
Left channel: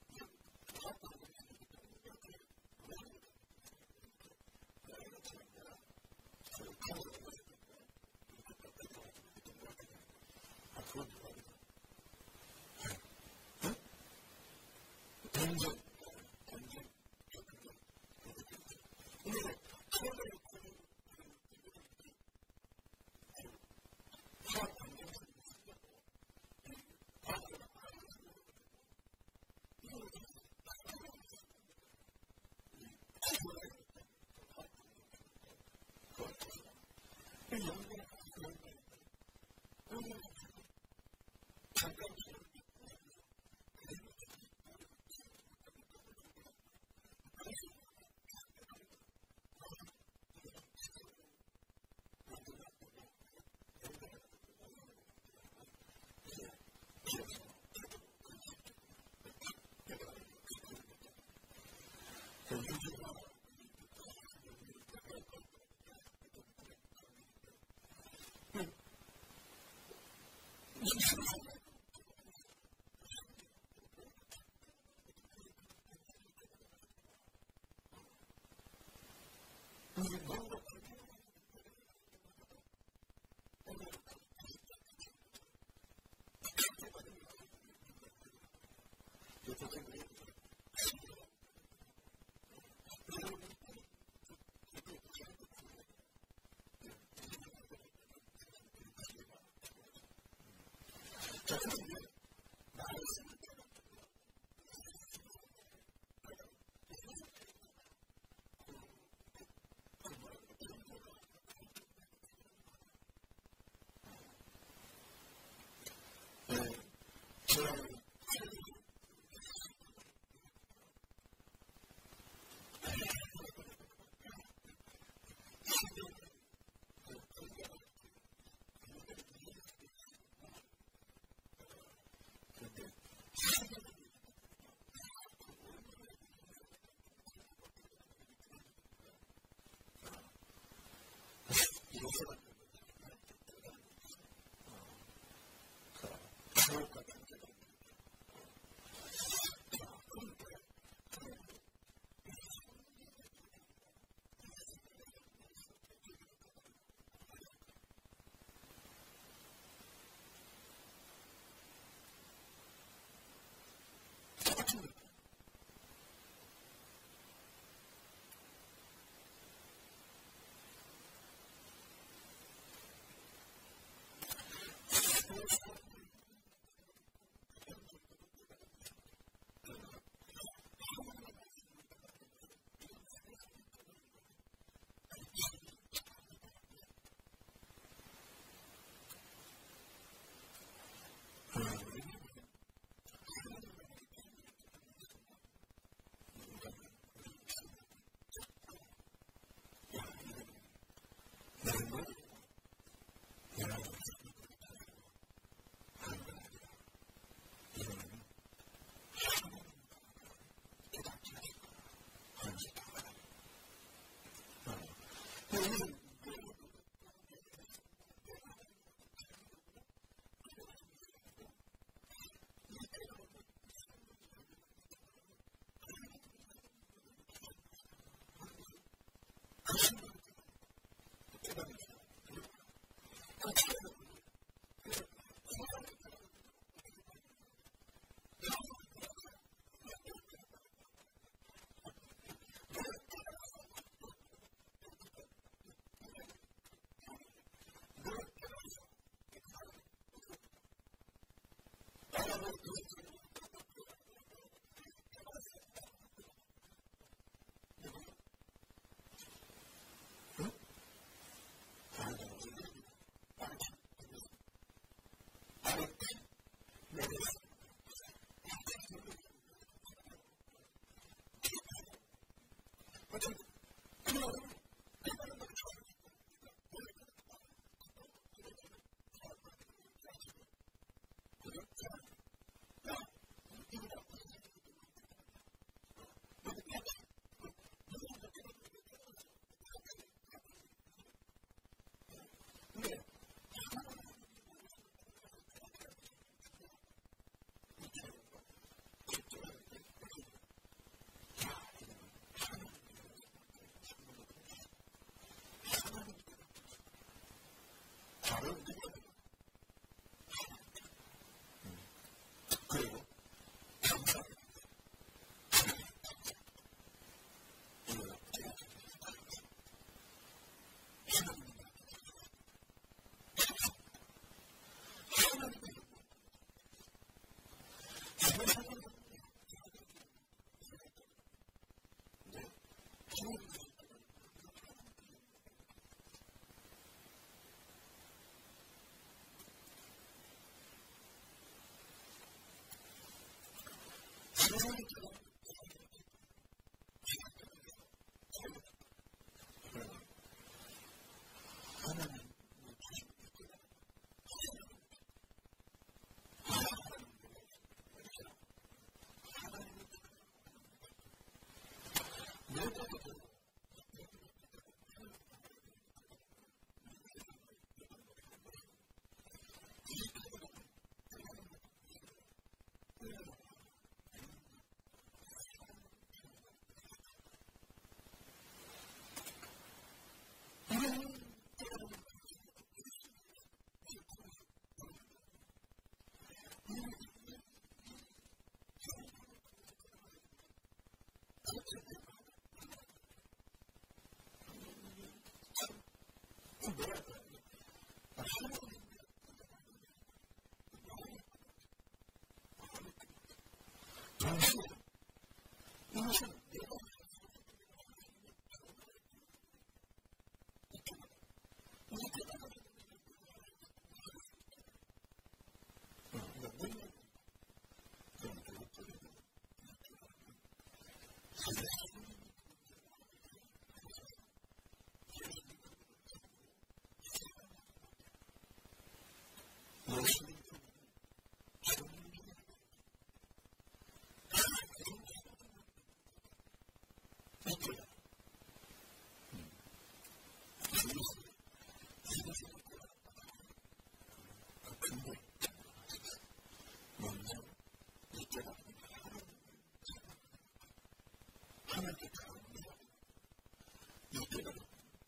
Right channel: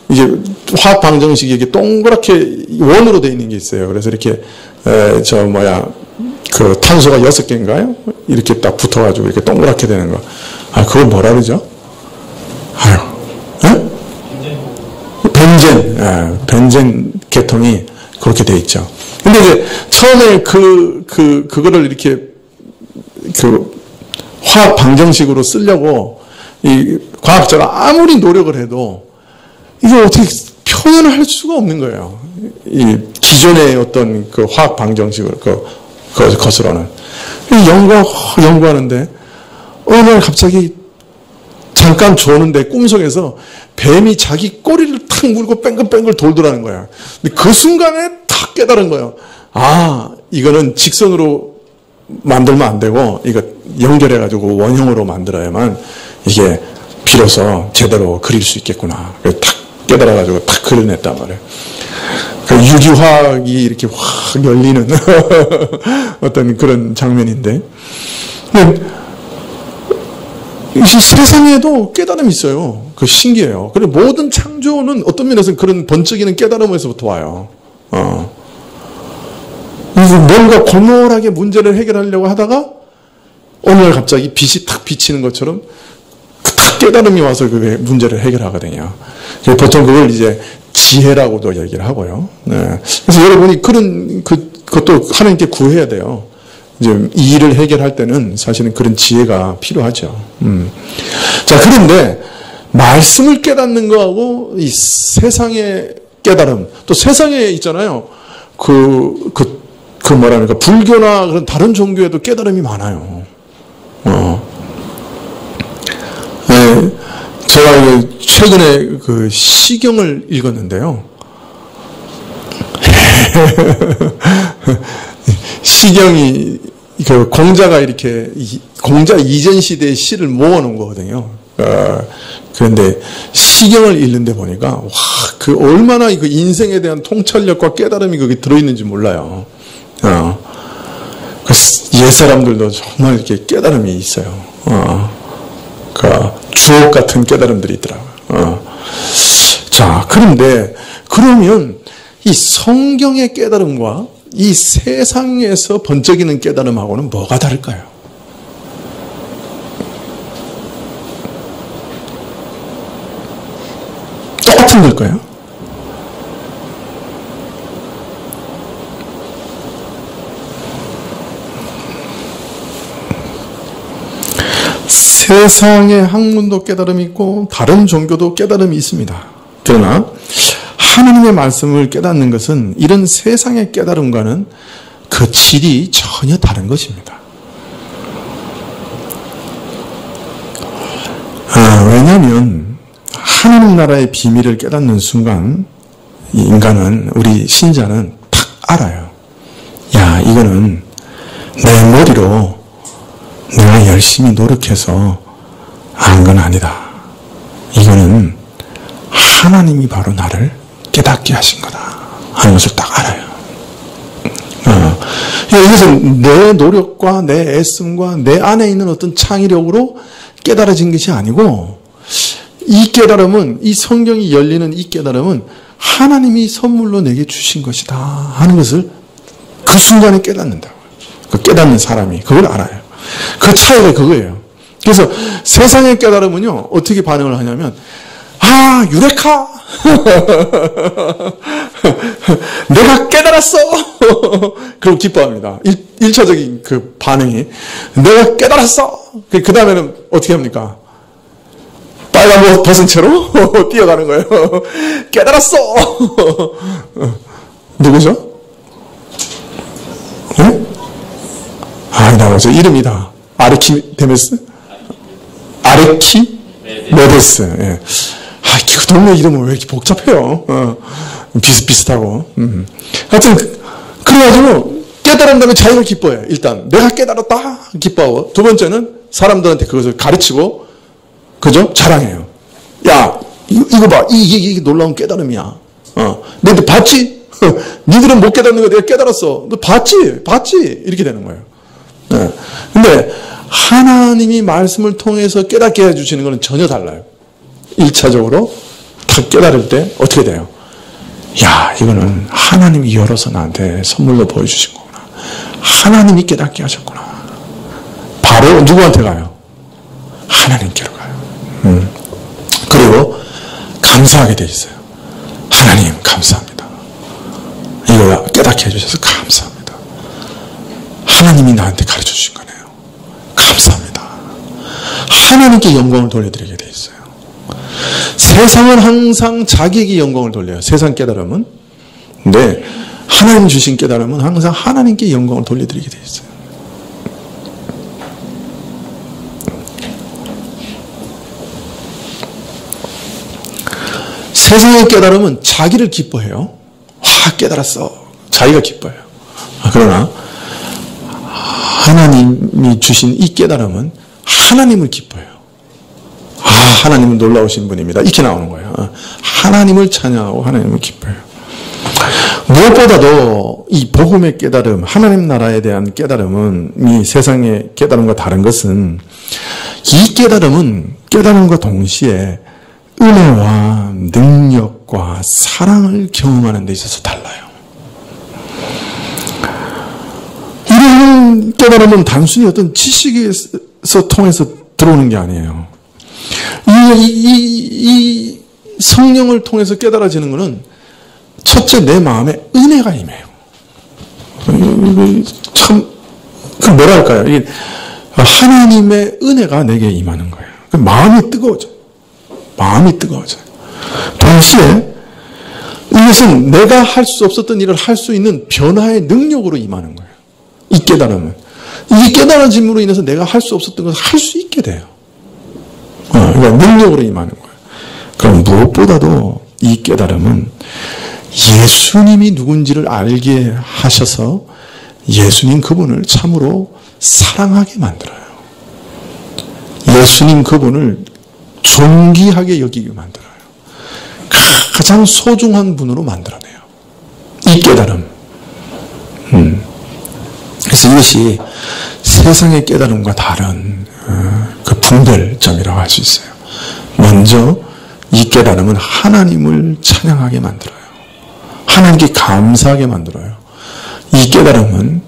이제 화학 방정식이 이렇게 동그랗게 원으로 되어 있는 게 있어요. 그래서 이렇게, 그 탄소가 6개인가요? 이렇게 딱 붙어가지고 이렇게 동그랗게 되는 거. 아, 그걸 뭐라 그러죠? 아유, 벤젠. 벤젠 계통이 그렇게 돼 있죠. 근데 이제 처음에 그거를 이렇게 화학 방정식으로 쓰려고 이 과학자가 아무리 노력을 해도 이걸 어떻게 표현을 할 수가 없는 거예요. 이 기존의 어떤 그 화학 방정식을 것으로는. 연구하는데 어느 날 갑자기 잠깐 조는데 꿈속에서 뱀이 자기 꼬리를 탁 물고 뺑글뺑글 돌더라는 거야. 근데 그 순간에 탁 깨달은 거예요. 아, 이거는 직선으로 만들면 안 되고 이거 연결해가지고 원형으로 만들어야만 이게 비로소 제대로 그릴 수 있겠구나. 그래서 탁 깨달아가지고 탁 그려냈단 말이에요. 그 유기화학이 이렇게 확 열리는 어떤 그런 장면인데. 이 세상에도 깨달음이 있어요. 그 신기해요. 그리고 모든 창조는 어떤 면에서는 그런 번쩍이는 깨달음에서부터 와요. 뭔가 골몰하게 문제를 해결하려고 하다가 어느 날 갑자기 빛이 탁 비치는 것처럼 탁 깨달음이 와서 그 문제를 해결하거든요. 보통 그걸 이제 지혜라고도 얘기를 하고요. 네. 그래서 여러분이 그것도 하나님께 구해야 돼요. 이제 이 일을 해결할 때는 사실은 그런 지혜가 필요하죠. 자, 그런데 말씀을 깨닫는 거하고 이 세상의 깨달음, 또 세상에 있잖아요. 뭐랄까, 불교나 그런 다른 종교에도 깨달음이 많아요. 네, 제가 최근에 그 시경을 읽었는데요. 시경이 그 공자가 이렇게 공자 이전 시대의 시를 모아놓은 거거든요. 그런데 시경을 읽는데 보니까 와, 그 얼마나 그 인생에 대한 통찰력과 깨달음이 거기 들어있는지 몰라요. 옛 사람들도 정말 이렇게 깨달음이 있어요. 그 주옥 같은 깨달음들이 있더라고요. 자, 그런데 그러면 이 성경의 깨달음과 이 세상에서 번쩍이는 깨달음하고는 뭐가 다를까요? 똑같은 걸까요? 세상의 학문도 깨달음이 있고 다른 종교도 깨달음이 있습니다. 그러나 하나님의 말씀을 깨닫는 것은 이런 세상의 깨달음과는 그 질이 전혀 다른 것입니다. 왜냐하면 하나님 나라의 비밀을 깨닫는 순간 인간은, 우리 신자는 딱 알아요. 야, 이거는 내 머리로 내가 열심히 노력해서 한 건 아니다. 이거는 하나님이 바로 나를 깨닫게 하신 거다 하는 것을 딱 알아요. 이것은 내 노력과 내 애씀과 내 안에 있는 어떤 창의력으로 깨달아진 것이 아니고, 이 깨달음은, 이 성경이 열리는 이 깨달음은 하나님이 선물로 내게 주신 것이다 하는 것을 그 순간에 깨닫는다고요. 그 깨닫는 사람이 그걸 알아요. 그 차이가 그거예요. 그래서 세상의 깨달음은요, 어떻게 반응을 하냐면, 아, 유레카! 내가 깨달았어! 그리고 기뻐합니다. 1차적인 그 반응이. 내가 깨달았어! 그 다음에는 어떻게 합니까? 빨간 옷 벗은 채로 뛰어가는 거예요. 깨달았어! 누구죠? 네? 아, 나오죠. 이름이다. 아르키메데스? 아르키메데스. 예. 아, 그 동네 이름은 왜 이렇게 복잡해요? 비슷비슷하고. 하여튼, 그래가지고, 깨달은 다음에 자기가 기뻐해요. 일단, 내가 깨달았다. 기뻐하고. 두 번째는, 사람들한테 그것을 가르치고, 그죠? 자랑해요. 야, 이거 봐. 이게 놀라운 깨달음이야. 너도 봤지? 니들은 못 깨닫는 거 내가 깨달았어. 너 봤지? 이렇게 되는 거예요. 네. 근데, 하나님이 말씀을 통해서 깨닫게 해주시는 것은 전혀 달라요. 1차적으로 딱 깨달을 때 어떻게 돼요? 야, 이거는 하나님이 열어서 나한테 선물로 보여주신 거구나. 하나님이 깨닫게 하셨구나. 바로 누구한테 가요? 하나님께로 가요. 그리고 감사하게 돼 있어요. 하나님 감사합니다. 이거 깨닫게 해주셔서 감사합니다. 하나님이 나한테 가르쳐 주신 거네요. 감사합니다. 하나님께 영광을 돌려드리게 돼 있어요. 세상은 항상 자기에게 영광을 돌려요. 세상 깨달음은. 근데 하나님 주신 깨달음은 항상 하나님께 영광을 돌려드리게 돼 있어요. 세상의 깨달음은 자기를 기뻐해요. 와, 깨달았어. 자기가 기뻐해요. 그러나 하나님이 주신 이 깨달음은 하나님을 기뻐해요. 아, 하나님은 놀라우신 분입니다. 이렇게 나오는 거예요. 하나님을 찬양하고 하나님을 기뻐해요. 무엇보다도 이 복음의 깨달음, 하나님 나라에 대한 깨달음은 이 세상의 깨달음과 다른 것은 이 깨달음과 동시에 은혜와 능력과 사랑을 경험하는 데 있어서 달라요. 이런 깨달음은 단순히 어떤 지식에서 통해서 들어오는 게 아니에요. 이 성령을 통해서 깨달아지는 것은 첫째 내 마음에 은혜가 임해요. 참, 뭐랄까요. 이게 하나님의 은혜가 내게 임하는 거예요. 마음이 뜨거워져요. 마음이 뜨거워져요. 동시에 이것은 내가 할 수 없었던 일을 할 수 있는 변화의 능력으로 임하는 거예요. 이 깨달음은. 이 깨달아짐으로 인해서 내가 할 수 없었던 것을 할 수 있게 돼요. 그러니까 능력으로 임하는 거예요. 그럼 무엇보다도 이 깨달음은 예수님이 누군지를 알게 하셔서 예수님 그분을 참으로 사랑하게 만들어요. 예수님 그분을 존귀하게 여기게 만들어요. 가장 소중한 분으로 만들어내요. 이 깨달음. 그래서 이것이 세상의 깨달음과 다른 그 분별점이라고 할 수 있어요. 먼저 이 깨달음은 하나님을 찬양하게 만들어요. 하나님께 감사하게 만들어요. 이 깨달음은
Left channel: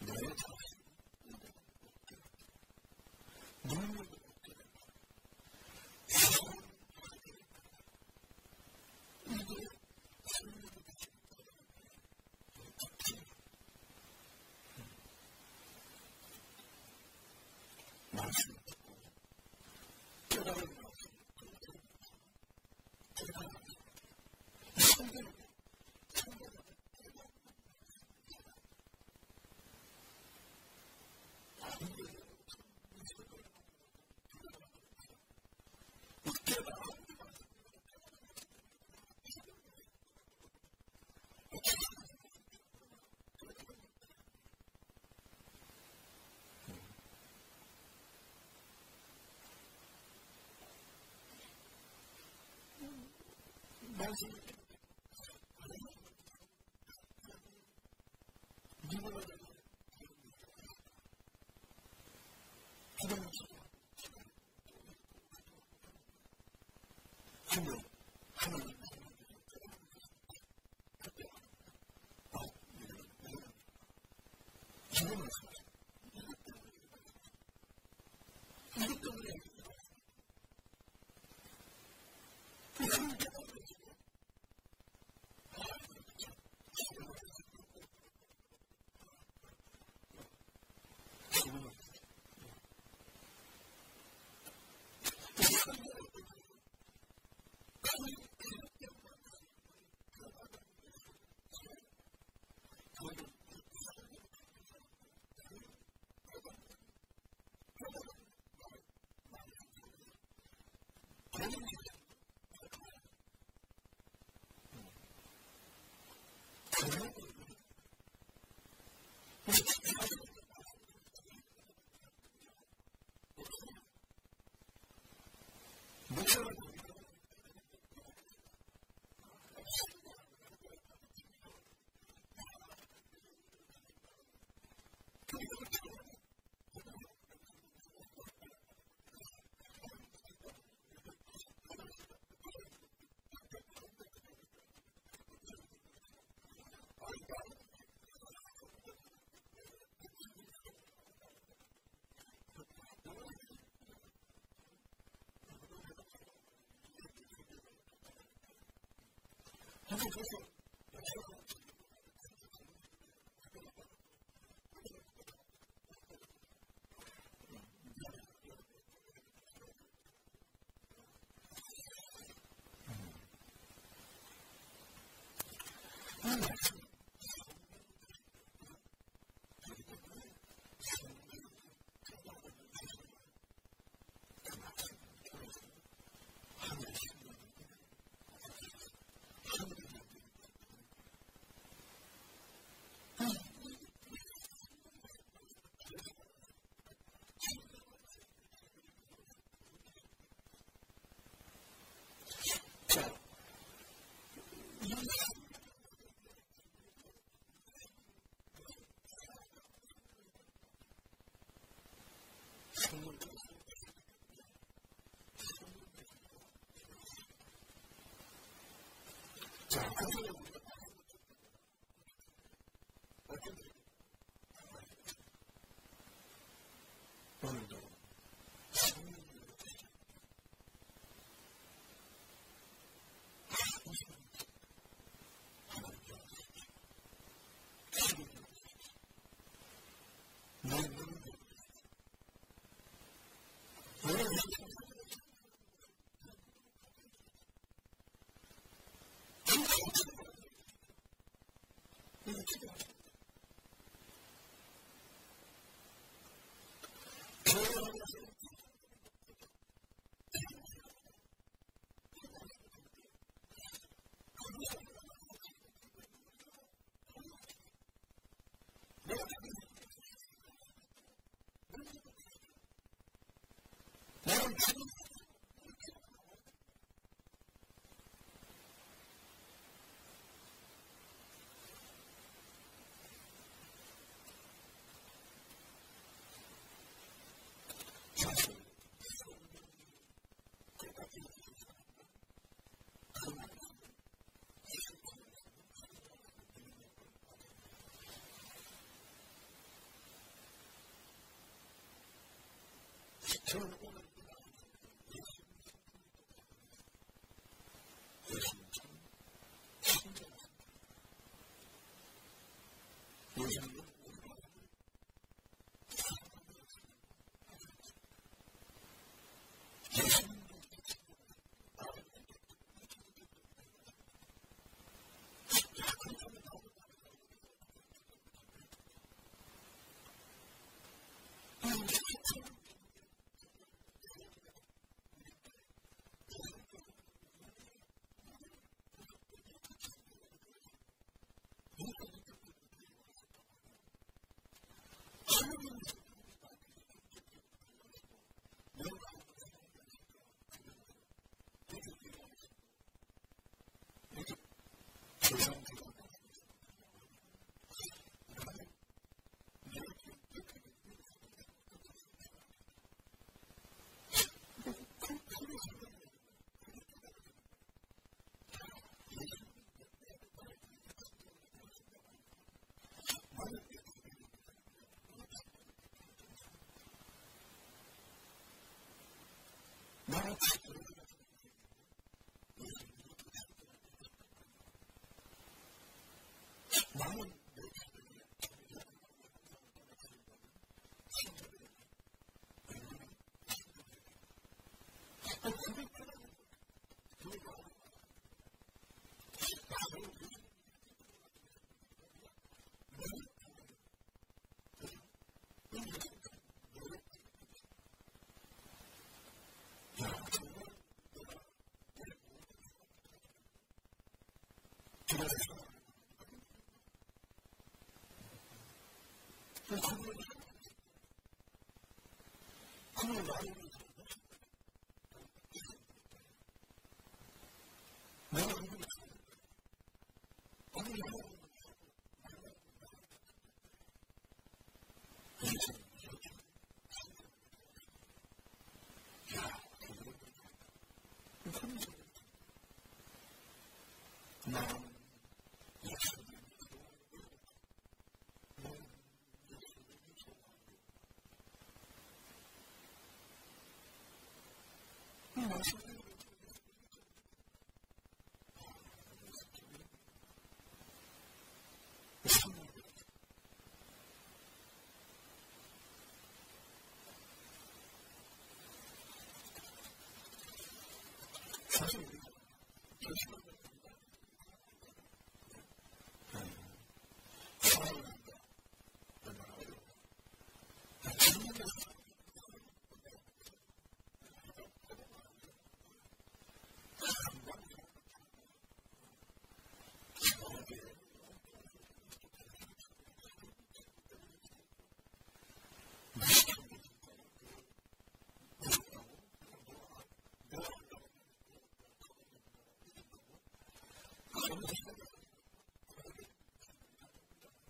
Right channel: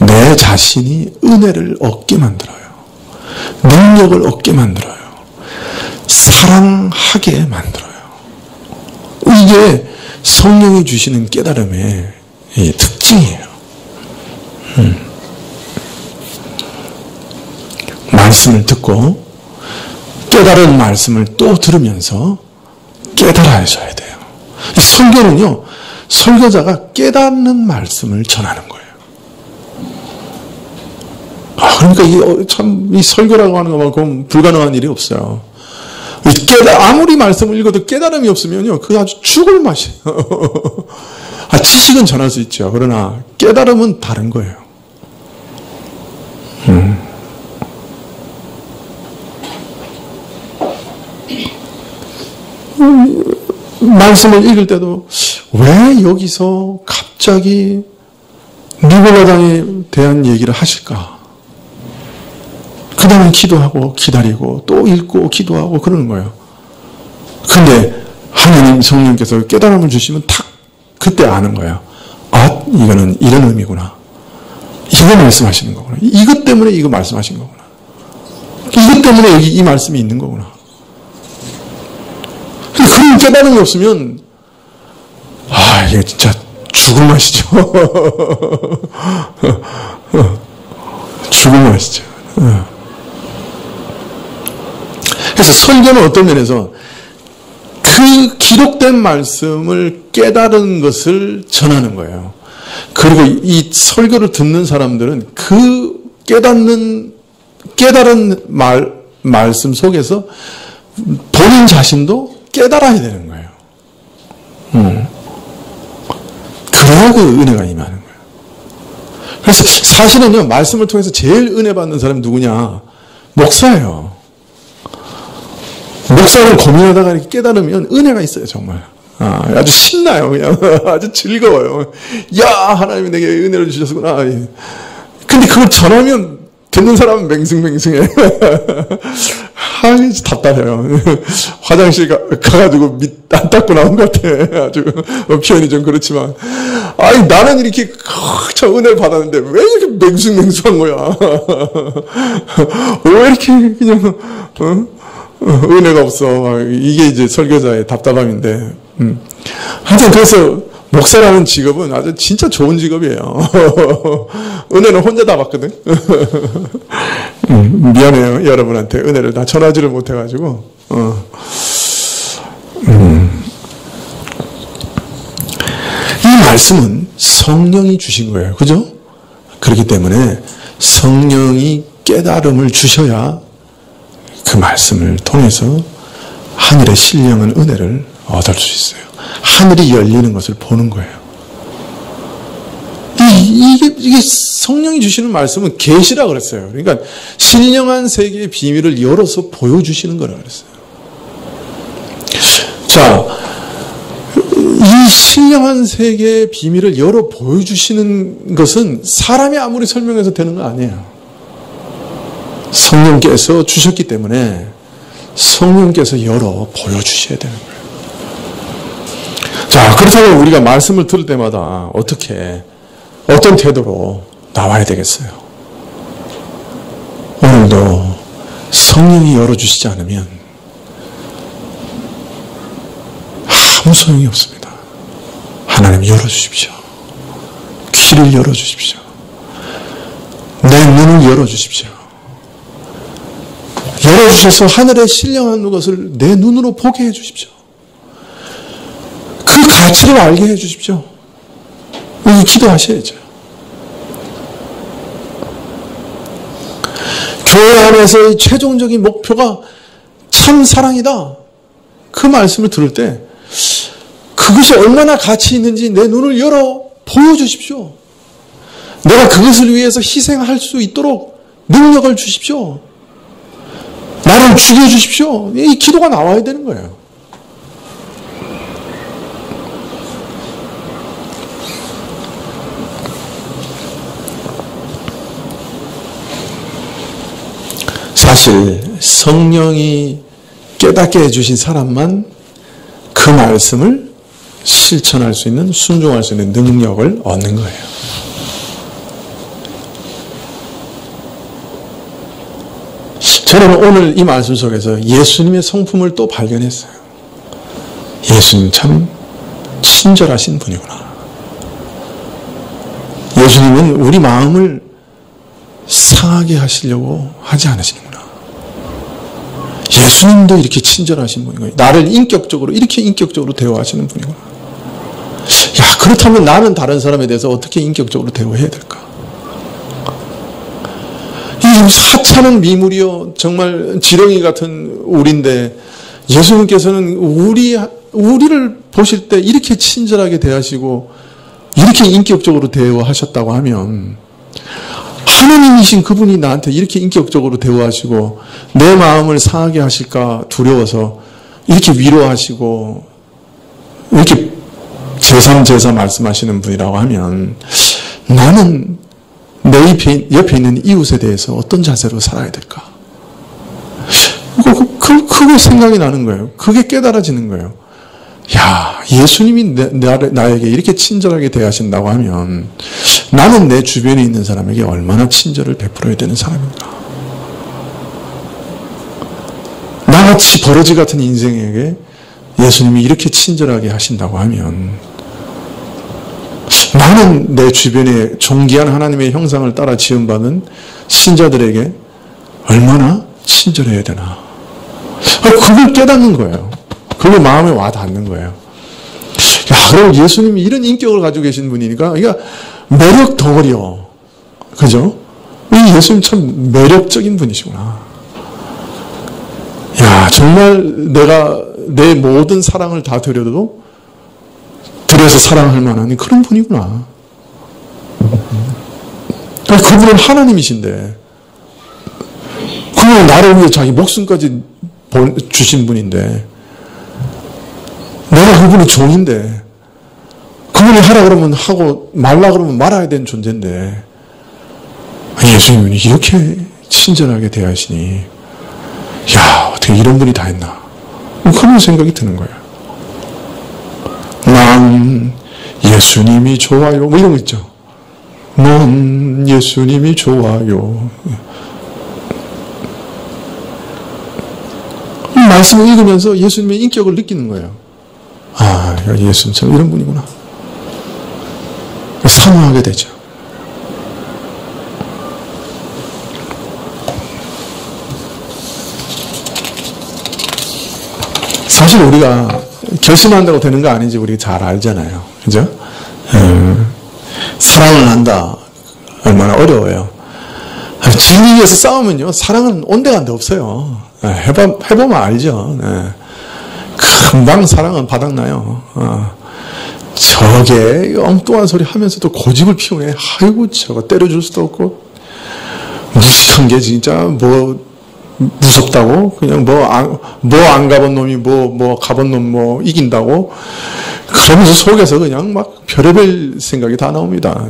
내 자신이 은혜를 얻게 만들어요. 능력을 얻게 만들어요. 사랑하게 만들어요. 이게 성령이 주시는 깨달음의 특징이에요. 말씀을 듣고 깨달은 말씀을 또 들으면서 깨달아져야 돼요. 설교는요, 설교자가 깨닫는 말씀을 전하는 거예요. 그러니까 이 설교라고 하는 것만큼 불가능한 일이 없어요. 아무리 말씀을 읽어도 깨달음이 없으면요, 그게 아주 죽을 맛이에요. 지식은 전할 수 있죠. 그러나 깨달음은 다른 거예요. 말씀을 읽을 때도 왜 여기서 갑자기 니골라당에 대한 얘기를 하실까? 그 다음에 기도하고 기다리고 또 읽고 기도하고 그러는 거예요. 근데 하나님 성령께서 깨달음을 주시면 탁 그때 아는 거예요. 아, 이거는 이런 의미구나. 이거 말씀하시는 거구나. 이것 때문에 이거 말씀하신 거구나. 이것 때문에 여기 이 말씀이 있는 거구나. 그런 깨달음이 없으면 이게 진짜 죽을 맛이죠. 죽을 맛이죠. 그래서 설교는 어떤 면에서 그 기록된 말씀을 깨달은 것을 전하는 거예요. 그리고 이 설교를 듣는 사람들은 그 깨달은 말씀 속에서 본인 자신도 깨달아야 되는 거예요. 그래야 그 은혜가 임하는 거예요. 그래서 사실은요, 말씀을 통해서 제일 은혜 받는 사람이 누구냐? 목사예요. 목사를 고민하다가 이렇게 깨달으면 은혜가 있어요, 정말. 아주 신나요, 그냥. 아주 즐거워요. 야, 하나님이 내게 은혜를 주셨구나. 근데 그걸 전하면 듣는 사람은 맹승맹승해. 답답해요. 화장실 가가지고 밑 안 닦고 나온 것 같아. 아주 표현이 좀 그렇지만. 아니, 나는 이렇게 저 은혜를 받았는데 왜 이렇게 맹숭맹숭한 거야? 왜 이렇게 그냥, 은혜가 없어. 이게 이제 설교자의 답답함인데. 하여튼 그래서 목사라는 직업은 아주 진짜 좋은 직업이에요. 은혜는 혼자 다 받거든. 미안해요. 여러분한테 은혜를 다 전하지를 못해가지고. 이 말씀은 성령이 주신 거예요. 그죠? 그렇기 때문에 성령이 깨달음을 주셔야 그 말씀을 통해서 하늘의 신령한 은혜를 얻을 수 있어요. 하늘이 열리는 것을 보는 거예요. 이게 성령이 주시는 말씀은 계시라 그랬어요. 그러니까 신령한 세계의 비밀을 열어서 보여주시는 거라 그랬어요. 자, 이 신령한 세계의 비밀을 열어 보여주시는 것은 사람이 아무리 설명해서 되는 거 아니에요. 성령께서 주셨기 때문에 성령께서 열어 보여주셔야 되는 거예요. 자, 그렇다면 우리가 말씀을 들을 때마다 어떤 태도로 나와야 되겠어요? 오늘도 성령이 열어주시지 않으면 아무 소용이 없습니다. 하나님 열어주십시오. 귀를 열어주십시오. 내 눈을 열어주십시오. 열어주셔서 하늘의 신령한 것을 내 눈으로 보게 해주십시오. 그 가치를 알게 해주십시오. 기도하셔야죠. 교회 안에서의 최종적인 목표가 참 사랑이다. 그 말씀을 들을 때 그것이 얼마나 가치 있는지 내 눈을 열어 보여주십시오. 내가 그것을 위해서 희생할 수 있도록 능력을 주십시오. 나를 죽여주십시오. 이 기도가 나와야 되는 거예요. 사실 성령이 깨닫게 해주신 사람만 그 말씀을 실천할 수 있는, 순종할 수 있는 능력을 얻는 거예요. 저는 오늘 이 말씀 속에서 예수님의 성품을 또 발견했어요. 예수님 참 친절하신 분이구나. 예수님은 우리 마음을 상하게 하시려고 하지 않으시는구나. 예수님도 이렇게 친절하신 분이구나. 나를 이렇게 인격적으로 대화하시는 분이구나. 야, 그렇다면 나는 다른 사람에 대해서 어떻게 인격적으로 대화해야 될까? 이 하찮은 미물이요, 정말 지렁이 같은 우리인데 예수님께서는 우리를 보실 때 이렇게 친절하게 대하시고 이렇게 인격적으로 대화하셨다고 하면 하나님이신 그분이 나한테 이렇게 인격적으로 대화하시고 내 마음을 상하게 하실까 두려워서 이렇게 위로하시고 이렇게 제3 말씀하시는 분이라고 하면 나는 내 옆에 있는 이웃에 대해서 어떤 자세로 살아야 될까? 그게 생각이 나는 거예요. 그게 깨달아지는 거예요. 야, 예수님이 나에게 이렇게 친절하게 대하신다고 하면 나는 내 주변에 있는 사람에게 얼마나 친절을 베풀어야 되는 사람인가? 나같이 버러지 같은 인생에게 예수님이 이렇게 친절하게 하신다고 하면 나는 내 주변에 존귀한 하나님의 형상을 따라 지음받은 신자들에게 얼마나 친절해야 되나? 그걸 깨닫는 거예요. 그게 마음에 와 닿는 거예요. 야, 그럼 예수님이 이런 인격을 가지고 계신 분이니까, 그러니까 매력 덩어리요. 그죠? 이 예수님 참 매력적인 분이시구나. 야, 정말 내가 내 모든 사랑을 다 드려서 사랑할 만한 그런 분이구나. 그분은 하나님이신데, 그분은 나를 위해 자기 목숨까지 주신 분인데, 내가 그분의 종인데, 그분이 하라 그러면 하고 말라 그러면 말아야 되는 존재인데, 예수님이 이렇게 친절하게 대하시니, 야, 어떻게 이런 분이 다 했나? 그런 생각이 드는 거예요. 난 예수님이 좋아요. 뭐 이런 거 있죠. 난 예수님이 좋아요. 말씀을 읽으면서 예수님의 인격을 느끼는 거예요. 아, 예수님 참 이런 분이구나. 사모하게 되죠. 사실 우리가 결심한다고 되는 거 아닌지 우리가 잘 알잖아요. 그죠? 사랑을 한다. 얼마나 어려워요. 진리 위해서 싸우면요. 사랑은 온데간데 없어요. 해보면 알죠. 금방 사랑은 바닥나요. 저게 엉뚱한 소리 하면서도 고집을 피우네. 아이고, 저거 때려줄 수도 없고. 무식한 게 진짜 뭐, 무섭다고? 그냥 안 가본 놈이 가본 놈 이긴다고? 그러면서 속에서 그냥 막 별의별 생각이 다 나옵니다.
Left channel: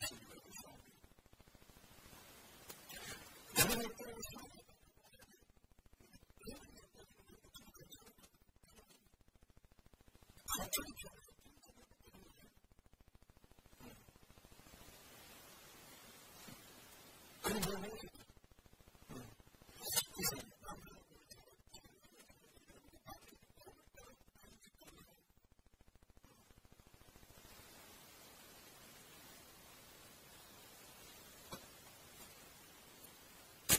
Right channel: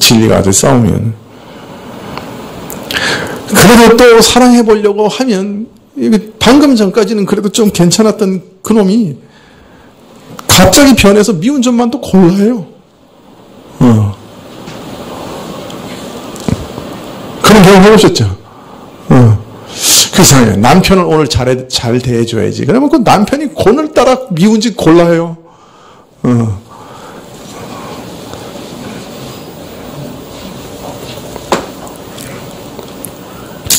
진리가 아주 싸우면. 그래도 또 사랑해보려고 하면, 방금 전까지는 그래도 좀 괜찮았던 그 놈이 갑자기 변해서 미운 점만 또 골라요. 그런 경험 해보셨죠? 그 이상해요. 남편을 오늘 잘 대해줘야지. 그러면 그 남편이 오늘따라 미운 짓 골라요.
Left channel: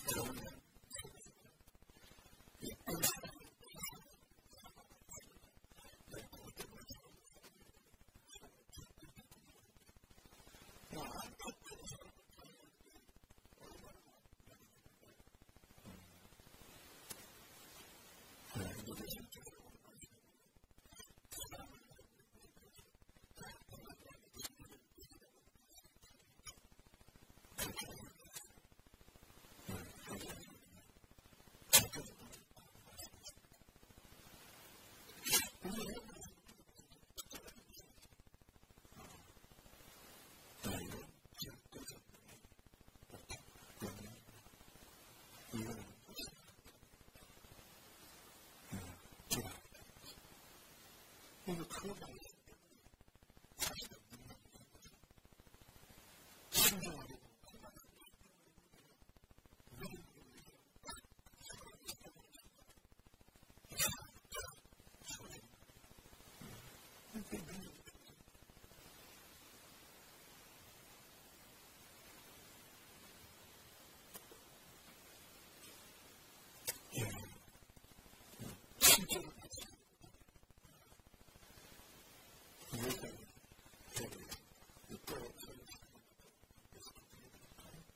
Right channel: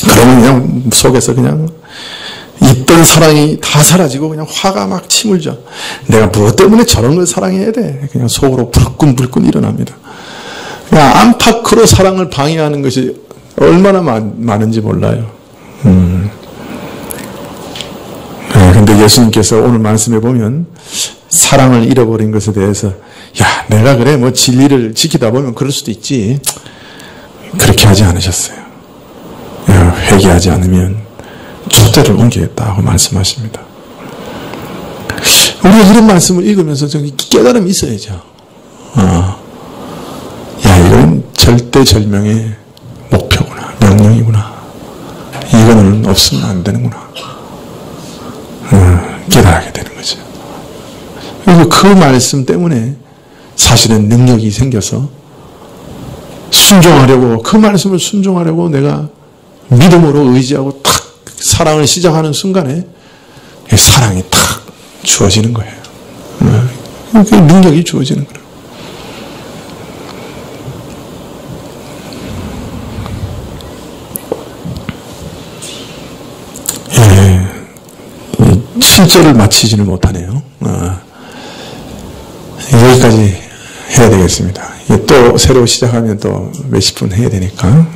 그러면 그냥 속에서 그냥 있던 사랑이 다 사라지고 그냥 화가 막 치물죠. 내가 무엇 때문에 저런 걸 사랑해야 돼? 그냥 속으로 불끈불끈 일어납니다. 그냥 안팎으로 사랑을 방해하는 것이 얼마나 많은지 몰라요. 근데 예수님께서 오늘 말씀해 보면 사랑을 잃어버린 것에 대해서 야, 내가 그래 뭐 진리를 지키다 보면 그럴 수도 있지. 그렇게 하지 않으셨어요. 회개하지 않으면 족대를 옮기겠다고 말씀하십니다. 우리가 이런 말씀을 읽으면서 저기 깨달음이 있어야죠. 야, 이건 절대절명의 목표구나. 명령이구나. 이거는 없으면 안 되는구나. 깨달하게 되는 거죠. 그리고 그 말씀 때문에 사실은 능력이 생겨서 순종하려고, 그 말씀을 순종하려고 내가 믿음으로 의지하고 탁 사랑을 시작하는 순간에 사랑이 탁 주어지는 거예요. 그 능력이 주어지는 거예요. 예, 7절을 마치지를 못하네요. 여기까지 해야 되겠습니다. 또 새로 시작하면 또 몇십 분 해야 되니까.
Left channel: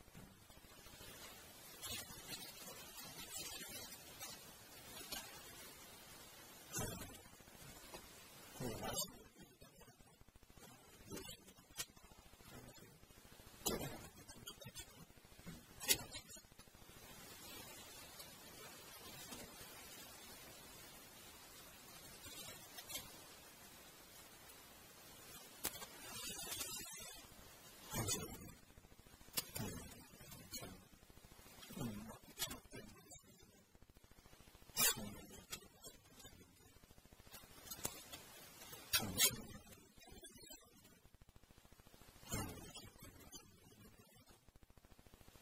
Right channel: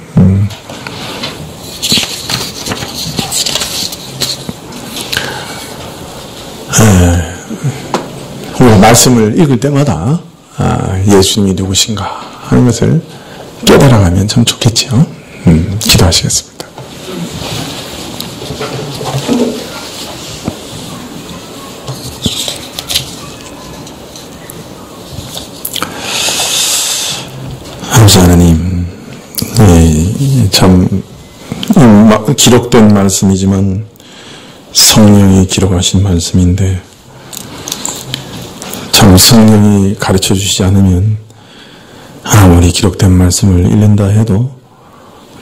우리가 말씀을 읽을 때마다 예수님이 누구신가 하는 것을 깨달아가면 참 좋겠죠. 기도하시겠습니다. 아버지 하나님, 참 기록된 말씀이지만 성령이 기록하신 말씀인데 참 성령이 가르쳐 주시지 않으면 아무리 기록된 말씀을 읽는다 해도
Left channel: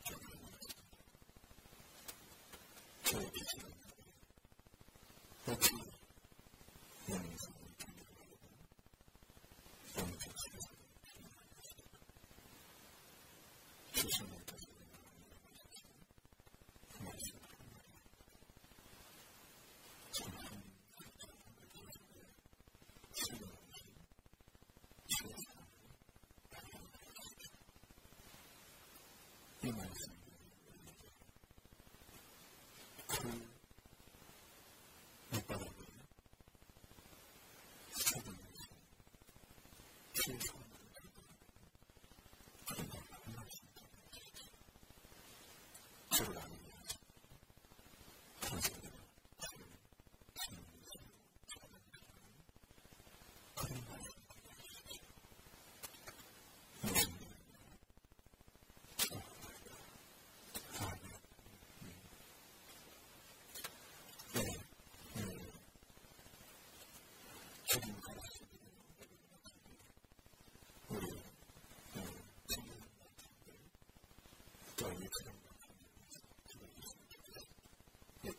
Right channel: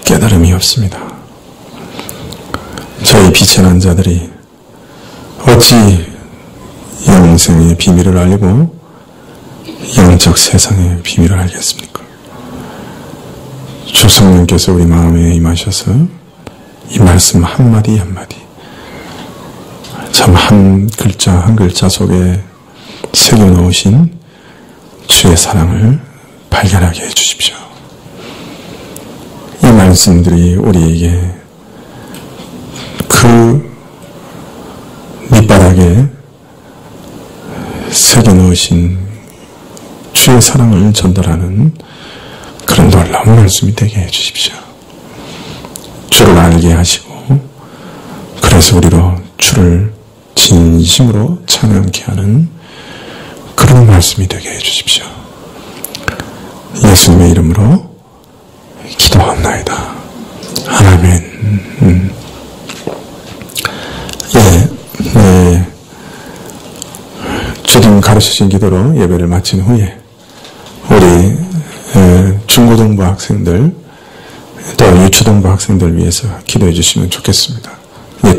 깨달음이 없습니다. 저희 비천한 자들이 어찌 영생의 비밀을 알고 영적 세상의 비밀을 알겠습니까? 주 성령께서 우리 마음에 임하셔서 이 말씀 한마디 한마디 참 한 글자 한 글자 속에 새겨놓으신 주의 사랑을 발견하게 해주십시오. 이 말씀들이 우리에게 그 밑바닥에 새겨놓으신 주의 사랑을 전달하는 그런 놀라운 말씀이 되게 해주십시오. 주를 알게 하시고 그래서 우리로 주를 진심으로 찬양케 하는 그런 말씀이 되게 해주십시오. 예수님의 이름으로 기도합나이다. 아멘. 주님 가르치신 기도로 예배를 마친 후에 우리 중고등부 학생들 또 유초등부 학생들 위해서 기도해 주시면 좋겠습니다.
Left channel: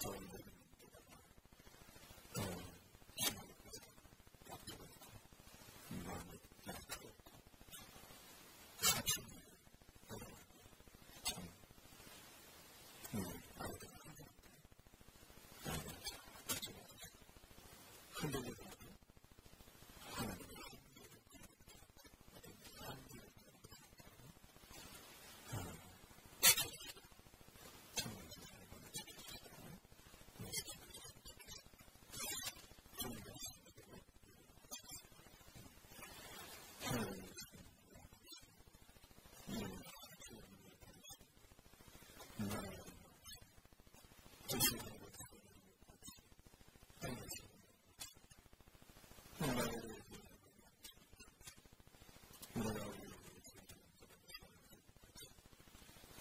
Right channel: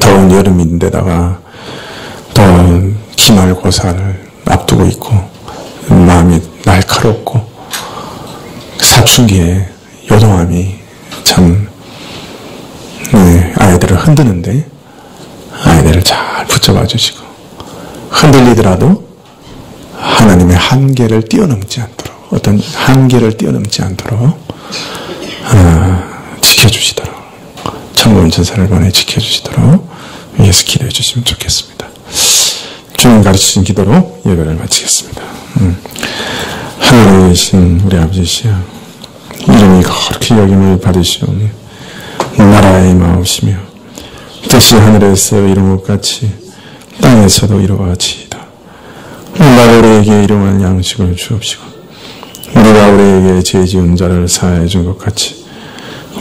더운 여름인데다가 또 기말고사를 앞두고 있고 마음이 날카롭고 사춘기에 요동함이 참 아이들을 흔드는데 아이들을 잘 붙잡아 주시고 흔들리더라도 하나님의 한계를 뛰어넘지 않도록 어떤 한계를 뛰어넘지 않도록 지켜주시도록 천군 천사를 보내 지켜주시도록 위에서 기도해 주시면 좋겠습니다. 주님 가르치신 기도로 예배를 마치겠습니다. 하늘에 계신 우리 아버지시여 이름이 거룩히 여김을 받으시오며 나라의 임하옵시며 뜻이 하늘에서 이룬 것 같이 땅에서도 이루어지이다. 우리가 우리에게 일용할 양식을 주옵시고 우리가 우리에게 죄 지은 자를 사하여 준 것 같이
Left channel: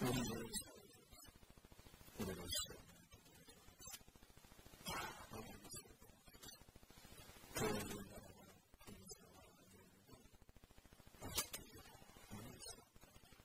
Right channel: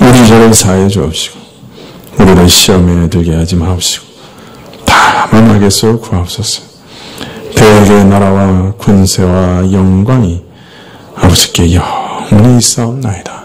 우리 죄를 사하여 주옵시고 우리를 시험에 들게 하지 마옵시고 다만 악에서 구하옵소서. 대의 나라와 군세와 영광이 아버지께 영원히 있사옵나이다.